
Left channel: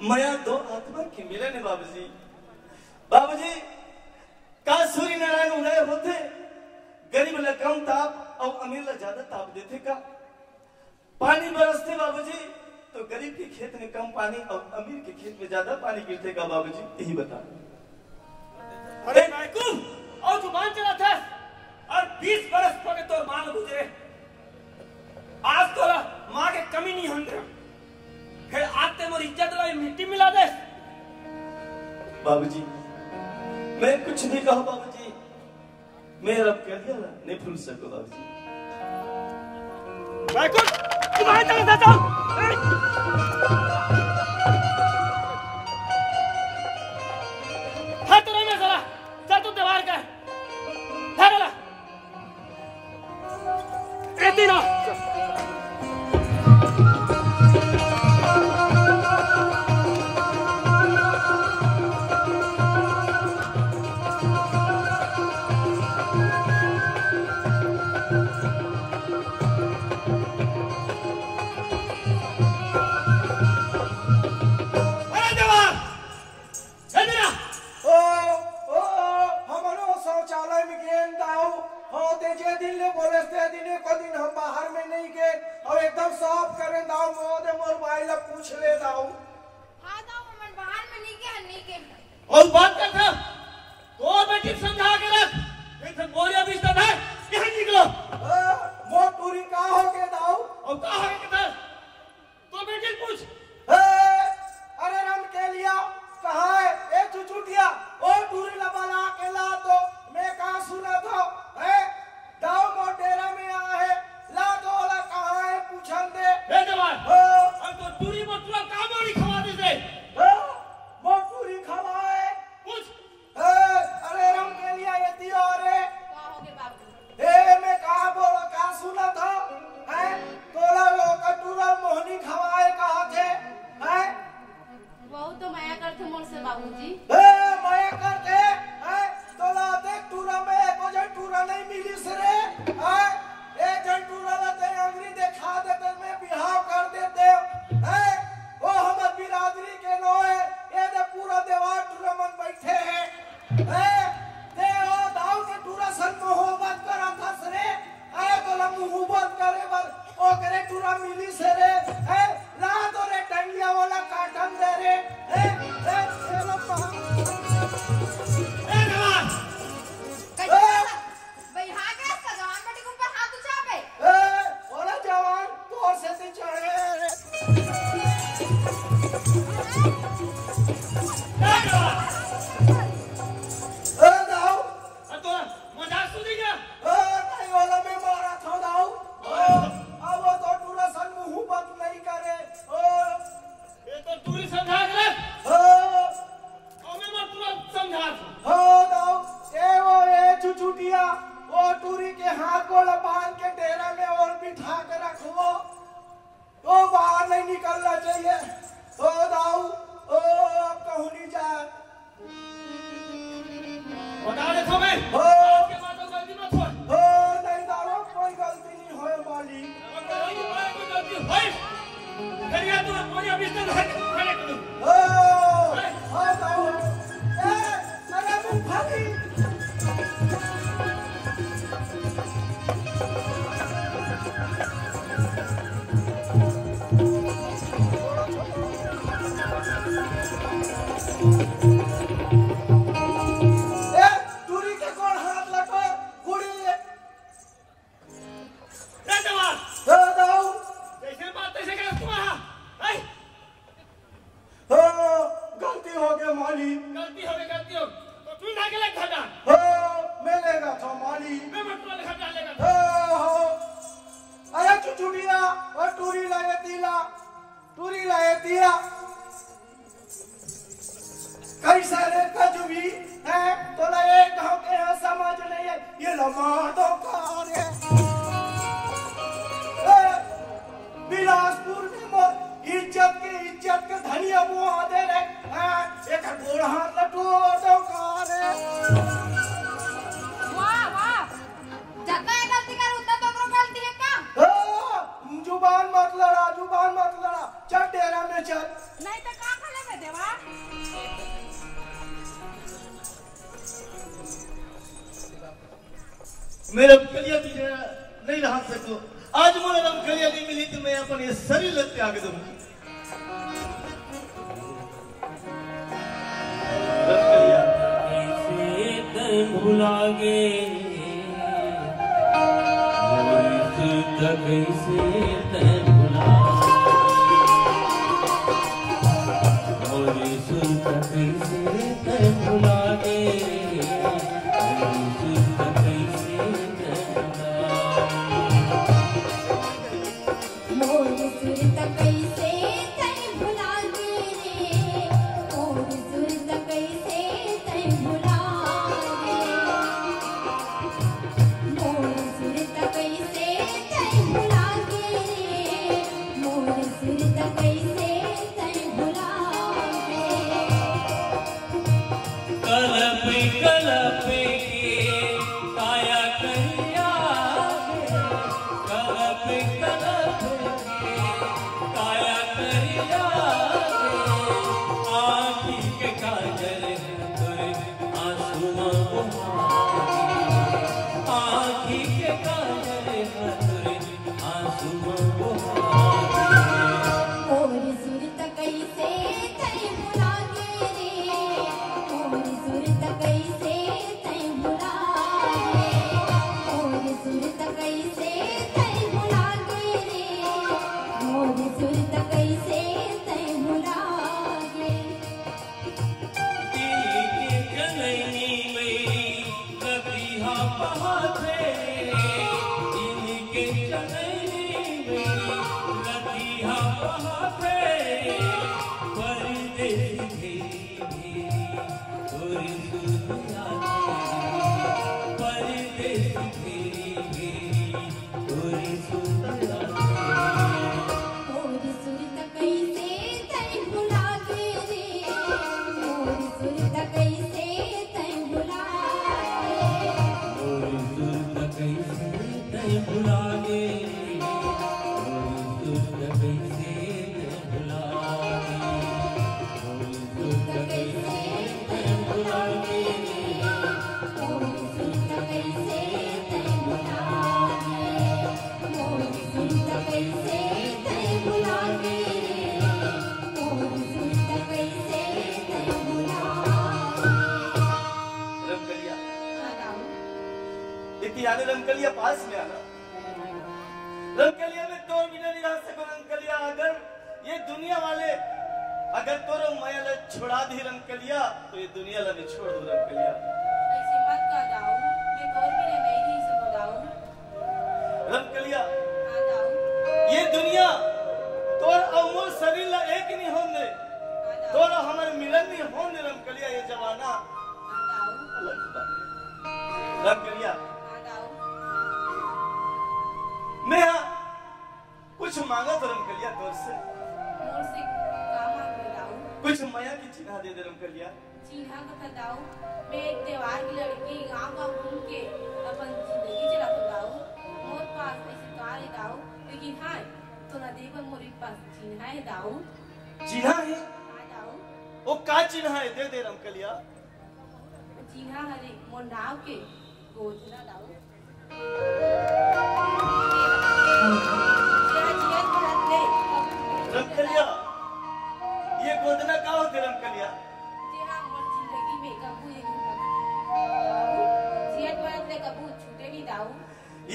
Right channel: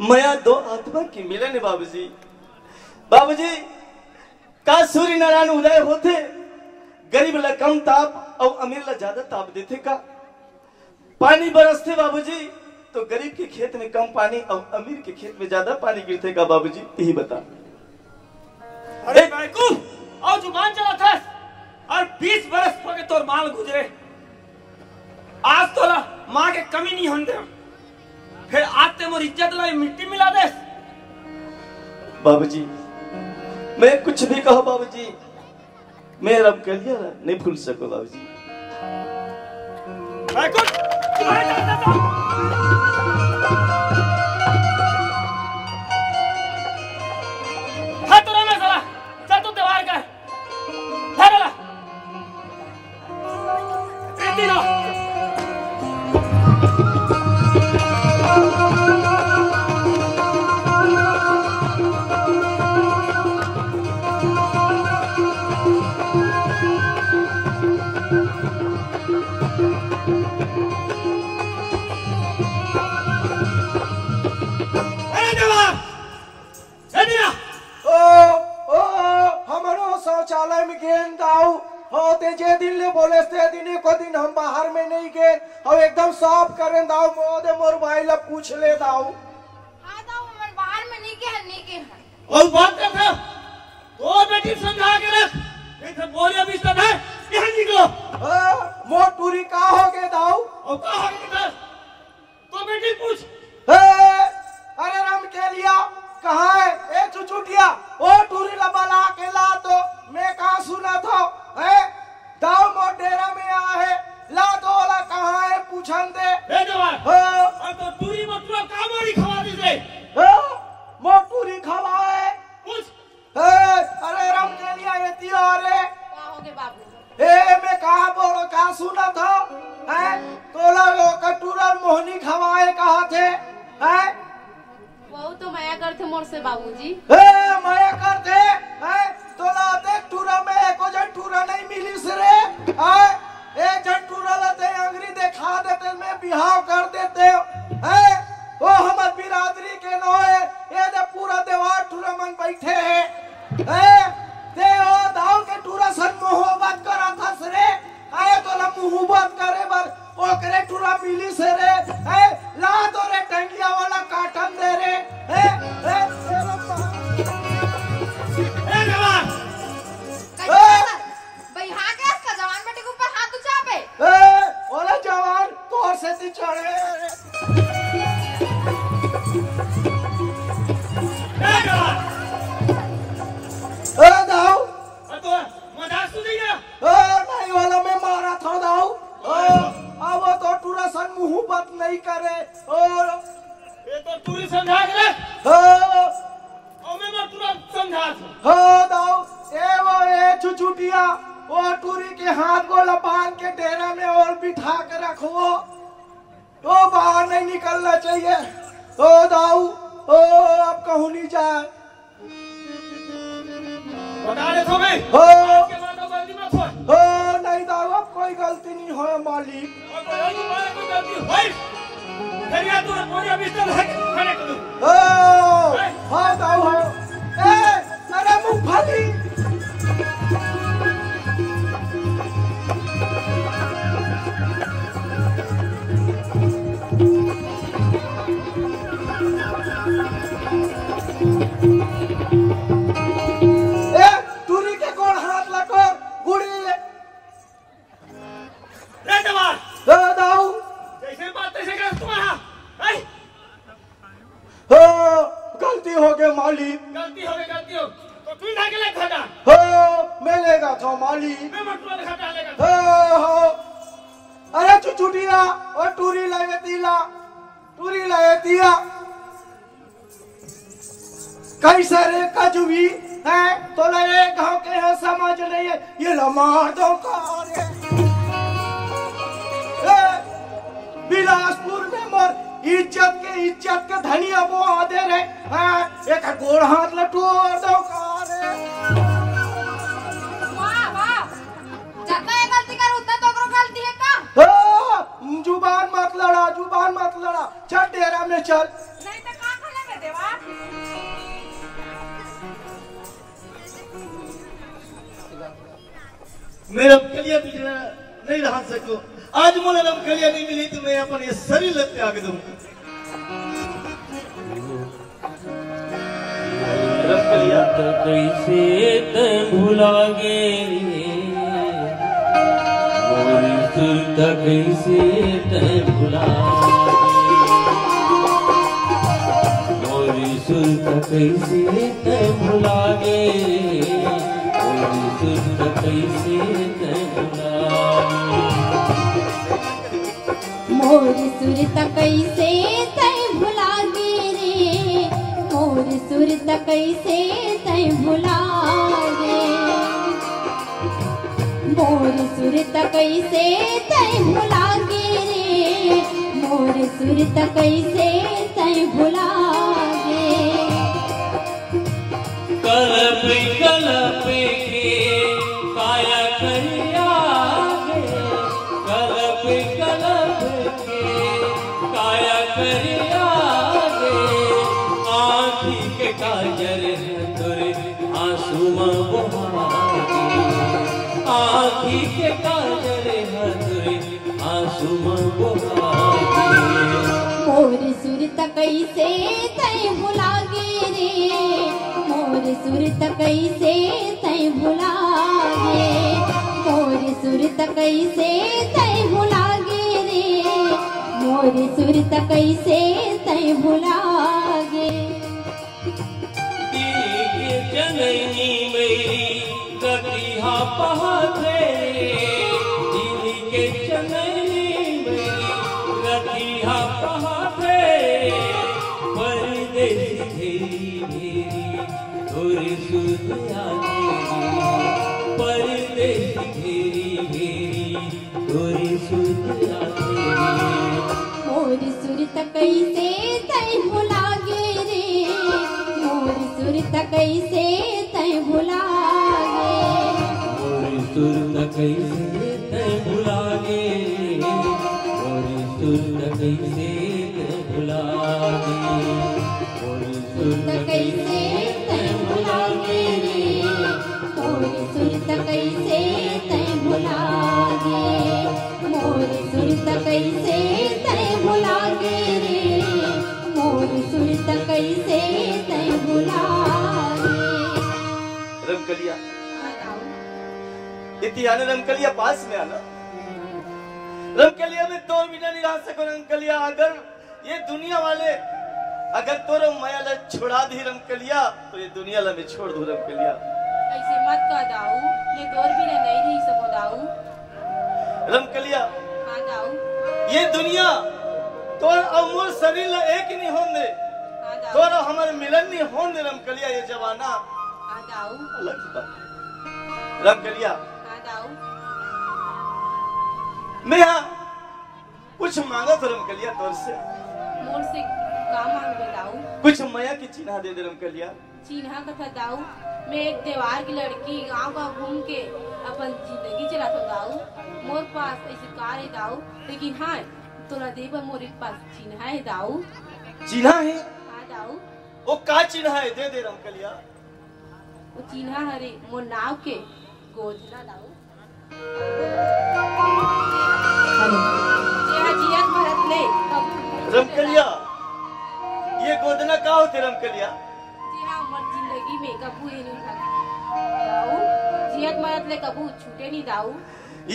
माया दो आत्मा की मिलन है बाबूजी। बाबूजी, का सूर्य नारायण उदय होते, गरीब ला कम ताप और अमीर ला ज्यादा ताप देते का। पानी बरसते बाबूजी तो गरीब के खेत में कम पानी और अमीर के खेत में ज्यादा पानी गिरते का बाबूजी, यही बता। अरे बेवकूफ, और जुबान चलाता है। और 20 बरस पके तोर माल गुजरे, आज तोला माँ के कमी नहीं होने दे। फिर आते मोर इज्जत लाई मिट्टी मिला दे। बाबूजी मैं कुछ नहीं कहा बाबूजी, मैं रब कर लिया नहीं भूल सको बाबूजी। मैं कुछ तुम्हारे तरफ जाता हूँ। हाँ तो मैं साला चल तू दीवार का ठहरा इतनी ना शौचालय में गेंद दाऊ होते जे दिन ले बोले ते दिन को दिन हम बाहर में नहीं गए और एकदम साफ करें दाऊ मोदे मोर भाई ला पूछ ले दाऊ। हां दाऊ हम बाहर में नहीं के और बात कर था तो बेटी समझा के रख नहीं तो बोरिया भी स्टन है यहां निकलो। मोर पूरी का हो गए दाऊ और का हो गए तो बेटी पूछ। अरे राम के लिया कहाँ है ए चुचुटिया ओ टूरी लबला के ला तो मैं कहाँ सुना था है दाऊ मोर डेरा में आ है ला तो वाला कहाँ है पूछन दे ए जवान और तो टूरी मतलब का मारी खवा दी से मोर टूरी खवा है पूछ। अरे राम के लिया ये तियो रे का हो गए बाबू ए मैं कहाँ बोलो कहाँ सुना था है तोला कटूरा मोहनी खवाए कहाँ थे है वो तो माया करते मोर से बाबूजी। माया करते हैं तो लाते टूरा में एको जन टूरा नहीं मिली सरे एक जन टूरा लाते अंगरी देखा देते में बिहाव कर देते हैं वो हमार बिरादरी के नो है ये दे पूरा देवार टूरा मन बैठे हैं दे ओ दाऊ के टूरा सन मोहब्बत करा था सरे आए तो ला मोहब्बत करे बर ओकरे टूरा मिली सरे है ला तो रे टंगिया वाला काटन दे रे है तेरा भैया का जवान बेटे के ऊपर हाथ उठा पे ओला जवान तोर से ती चढ़े दाऊ तो मजाक सुनेगा नहीं वाला मैं मारा था दाऊ अब तो टूरा सन मोहब्बत नहीं करे और ये तो टूरी समझा के रख और मैं मत तुरंत समझा दूं। दाऊ ए वो ए चुचुटिया वो टूरी के हाथ को लबान के डेरा में और बिठा के रखो तो बाहर नहीं निकलना चाहिए। ओ दाऊ अब कहूँ नहीं जाए बता दे तो मैं आज के बाद गलती मत हो। नहीं दाऊ कोई गलती नहीं हो मालिक कोई गलती होई फिर या तू बोरिया बिस्तर है खड़े कर दूं। हाँ दाऊ अरे मूंगफली टूरी के गोड़ हाथ लगा गुड़ी रे जवान दाऊ जैसे बात तैसे कर तुम्हारा गलती हो गई मालिक गलती हो तो तू ना के ले खड़ा मैं लेगा था मालिक मैं मत तुरंत खड़ा लेगा। अरे चुचुटिया और टूरी लगे दिया कैसे रे कजुबी है तो ले गांव के है समझ नहीं है ये लमाटों का रे बिलासपुर में मोर इज्जत के धनिया मुआ दे रे एक गोड़ हाथ लटू दो का रे वाह जितना गलती कर उतना तो गलती है का जुबान मत लड़ा चल डेरा में चल नहीं तो का खले में देवा मेरा कलिया तुझे नहीं रह सको आज मोला रब कलिया नहीं मिली तो मैं अपन ये शरीर ले त्याग दूं। रब कलिया कैसे तय भुला गे मोरी सुरता कैसे तय भुला कैसे तै भुला गे मोरी सुरत कैसे तै भुला मोर सुरत कैसे तै भुला गे रे मोर सुरत कैसे तै भुला गे मोर सुरत कैसे तै भुला गे रे मोर सुरत कैसे तै भुला गे कलप कलप के काया करिया कलप कलप के काया करिया आँखी के काजल तोरे आंसू बहागे आँखी के काजल तोरे आंसू बहागे मोर सुरत कैसे तै भुला गे रे मोर सुरत कैसे तै भुला गे मोर सुरत कैसे तै भुला गे रे मोर सुरत कैसे तै भुला गे दिल के जननी मेरी कटिहा पहाड़े दिल के जननी मेरी कटिहा पहाड़े परदेसी घेरी तोरी सुरतिया तेरी परदेसी घेरी तोरी सुरतिया तेरी मोर सुरत कैसे तै भुला गे रे मोर सुरत कैसे तै भुला गे मोरी सुरत कैसे तै भुला गे मोरी सुरत कैसे तै भुला गे मोरी सुरत कैसे तै भुला गे मोर सुरत कैसे तै भुला गे मोर सुरत कैसे तै भुला गे रे मोर सुरत कैसे तै भुला गे रमकलिया इतनी आने रमकलिया पास में आना रमकलिया में 2 मिनट नहीं रह सको रमकलिया अगर ये दुनिया वाले अगर तोरो माया ला छुड़ा दी रमकलिया तो ये दुनिया ला मैं छोड़ दूं रमकलिया ऐसे मत कह दाऊ मैं तोर भी नहीं रही सको दाऊ रमकलिया हाँ दाऊ ये दुनिया तोर अमूल शरीर ला एक नहीं होने हाँ दाऊ तोर हमारे मिलन नहीं होने रमकलिया ये जवाना हाँ दाऊ अलग की बात है। रमकलिया हाँ दाऊ मैं यहाँ कुछ मांगा तो रमकलिया तोर से मोर से का मांग दो दाऊ कुछ माया की चिन्ह दे दे रमकलिया चिन्हा कथा दाऊ मैं एक त्योहार की लड़की गांव गांव घूम के अपन जिंदगी चलाता दाऊ मोर पास ऐसे कार है दाऊ लेकिन हाँ तोरा देवर मोर पास चिन्हा है दाऊ चिन्ह है हाँ दाऊ वो का चिन्ह है दे दे रमकलिया वो चिन्हा हरे मोर नाव के गोदना दाऊ जियत भरत ले रमकलिया ये गोदना का होते रमकलिया जी हाँ मोर जिंदगी में कबू ही नहीं था दाऊ जियत मरत ले कबू छूटे नहीं दाऊ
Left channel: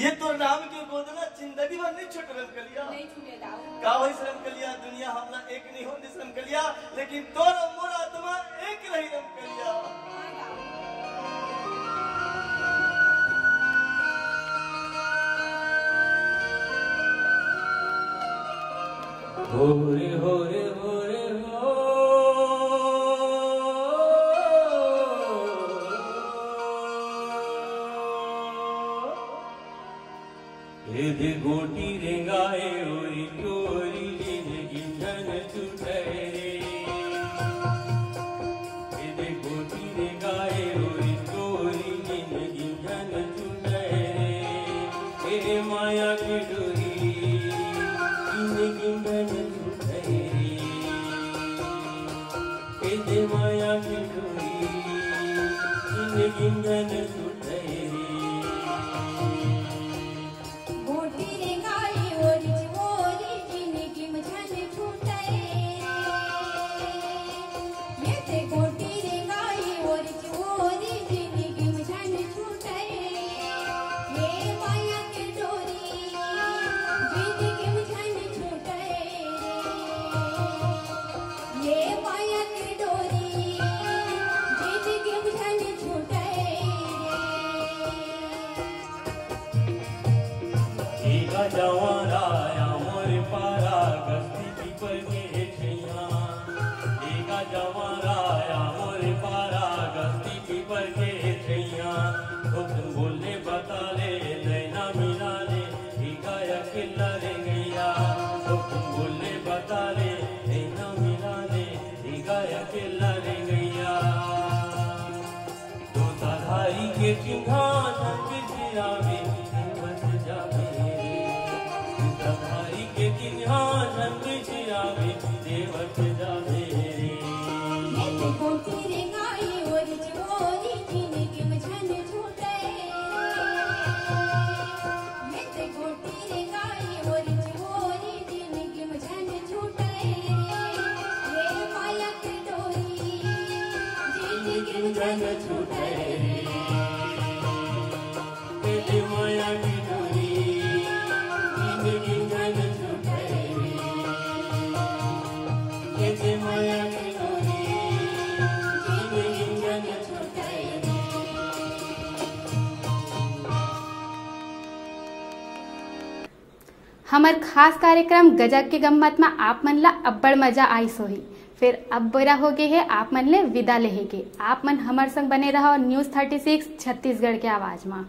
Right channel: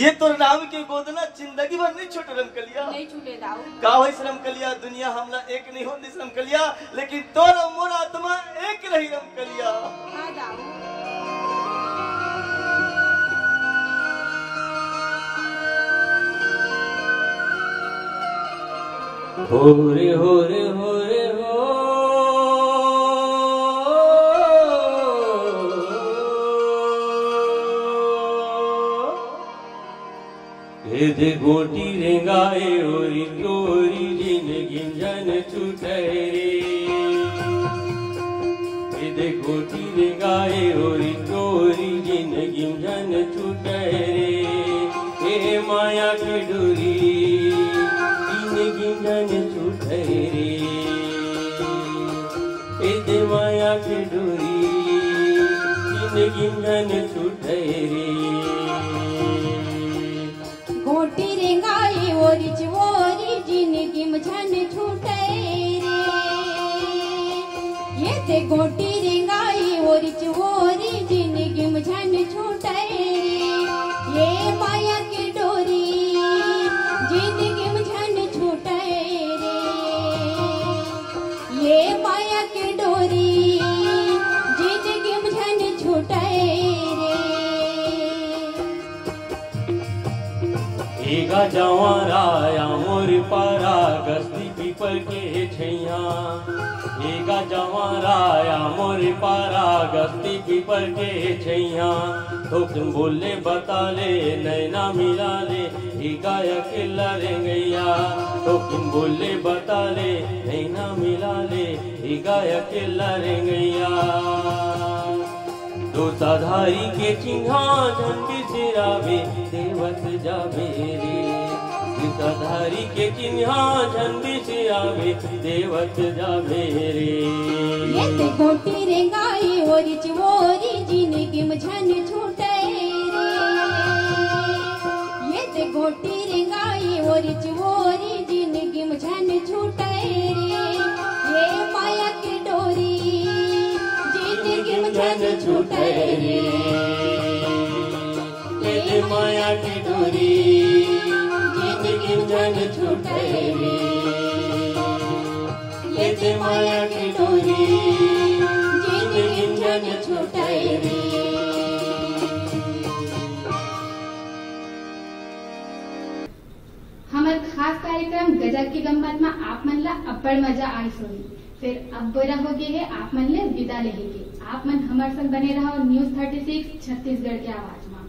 ये तो नाम की गोदना जिंदगी भर नहीं छोटे रमकलिया नहीं छूटे दाऊ का होई रमकलिया दुनिया हमला एक नहीं होती रमकलिया लेकिन तोर और मोर आत्मा एक रही रमकलिया हाँ दाऊ हो रे हो रे हो रे हो ये दे गोटी रेंगाए ओरी तोरी जिंदगी जन छूटे ये दे गोटी रेंगाए ओरी तोरी जिंदगी जन छूटे हे माया की डोरी जिंदगी जन छूटे ये दे माया की डोरी जिंदगी जन छूटे गोटी रेंगाई ओरी चोरी जिंदगी मुझन छूटे ये ते गोटी रेंगाई ओरी चोरी जिंदगी मुझन छूटे ये माया की डोरी जिंदगी मुझन छूटे ये माया की डोरी एगा जवाराया मोर पारा गस्ती पीपल के छैया एगा जवाराया मोर पारा गस्ती पीपल के छैया हुक्म बोले बता ले नैना मिला ले एगा अकेला रे गैया हुक्म बोले बता ले नैना मिला ले एगा अकेला रे गैया दो साधारी के चिन्हा झंडी सिरावे देवत जावे रे साधारी के चिन्हा झंडी सिरावे देवत जावे रे ये ते गोटी रे गाई ओरी चिवोरी जिंदगी में झन छूटे रे ये ते गोटी रे गाई ओरी चिवोरी जिंदगी में झन छूटे रे ये माया की डोरी जिंदगी में झन छूटे रे ये माया की डोरी जिंदगी में झन छूटे रे ये माया की डोरी जिंदगी में झन छूटे रे हमार खास कार्यक्रम गजब के गम्मत में आप मन ला अब्बड़ मजा आई सोही। फिर अब बेरा हो गए है आप मन ले विदा लेहे के। आप मन हमार संग बने रहो न्यूज़ 36 छत्तीसगढ़ के आवाज में।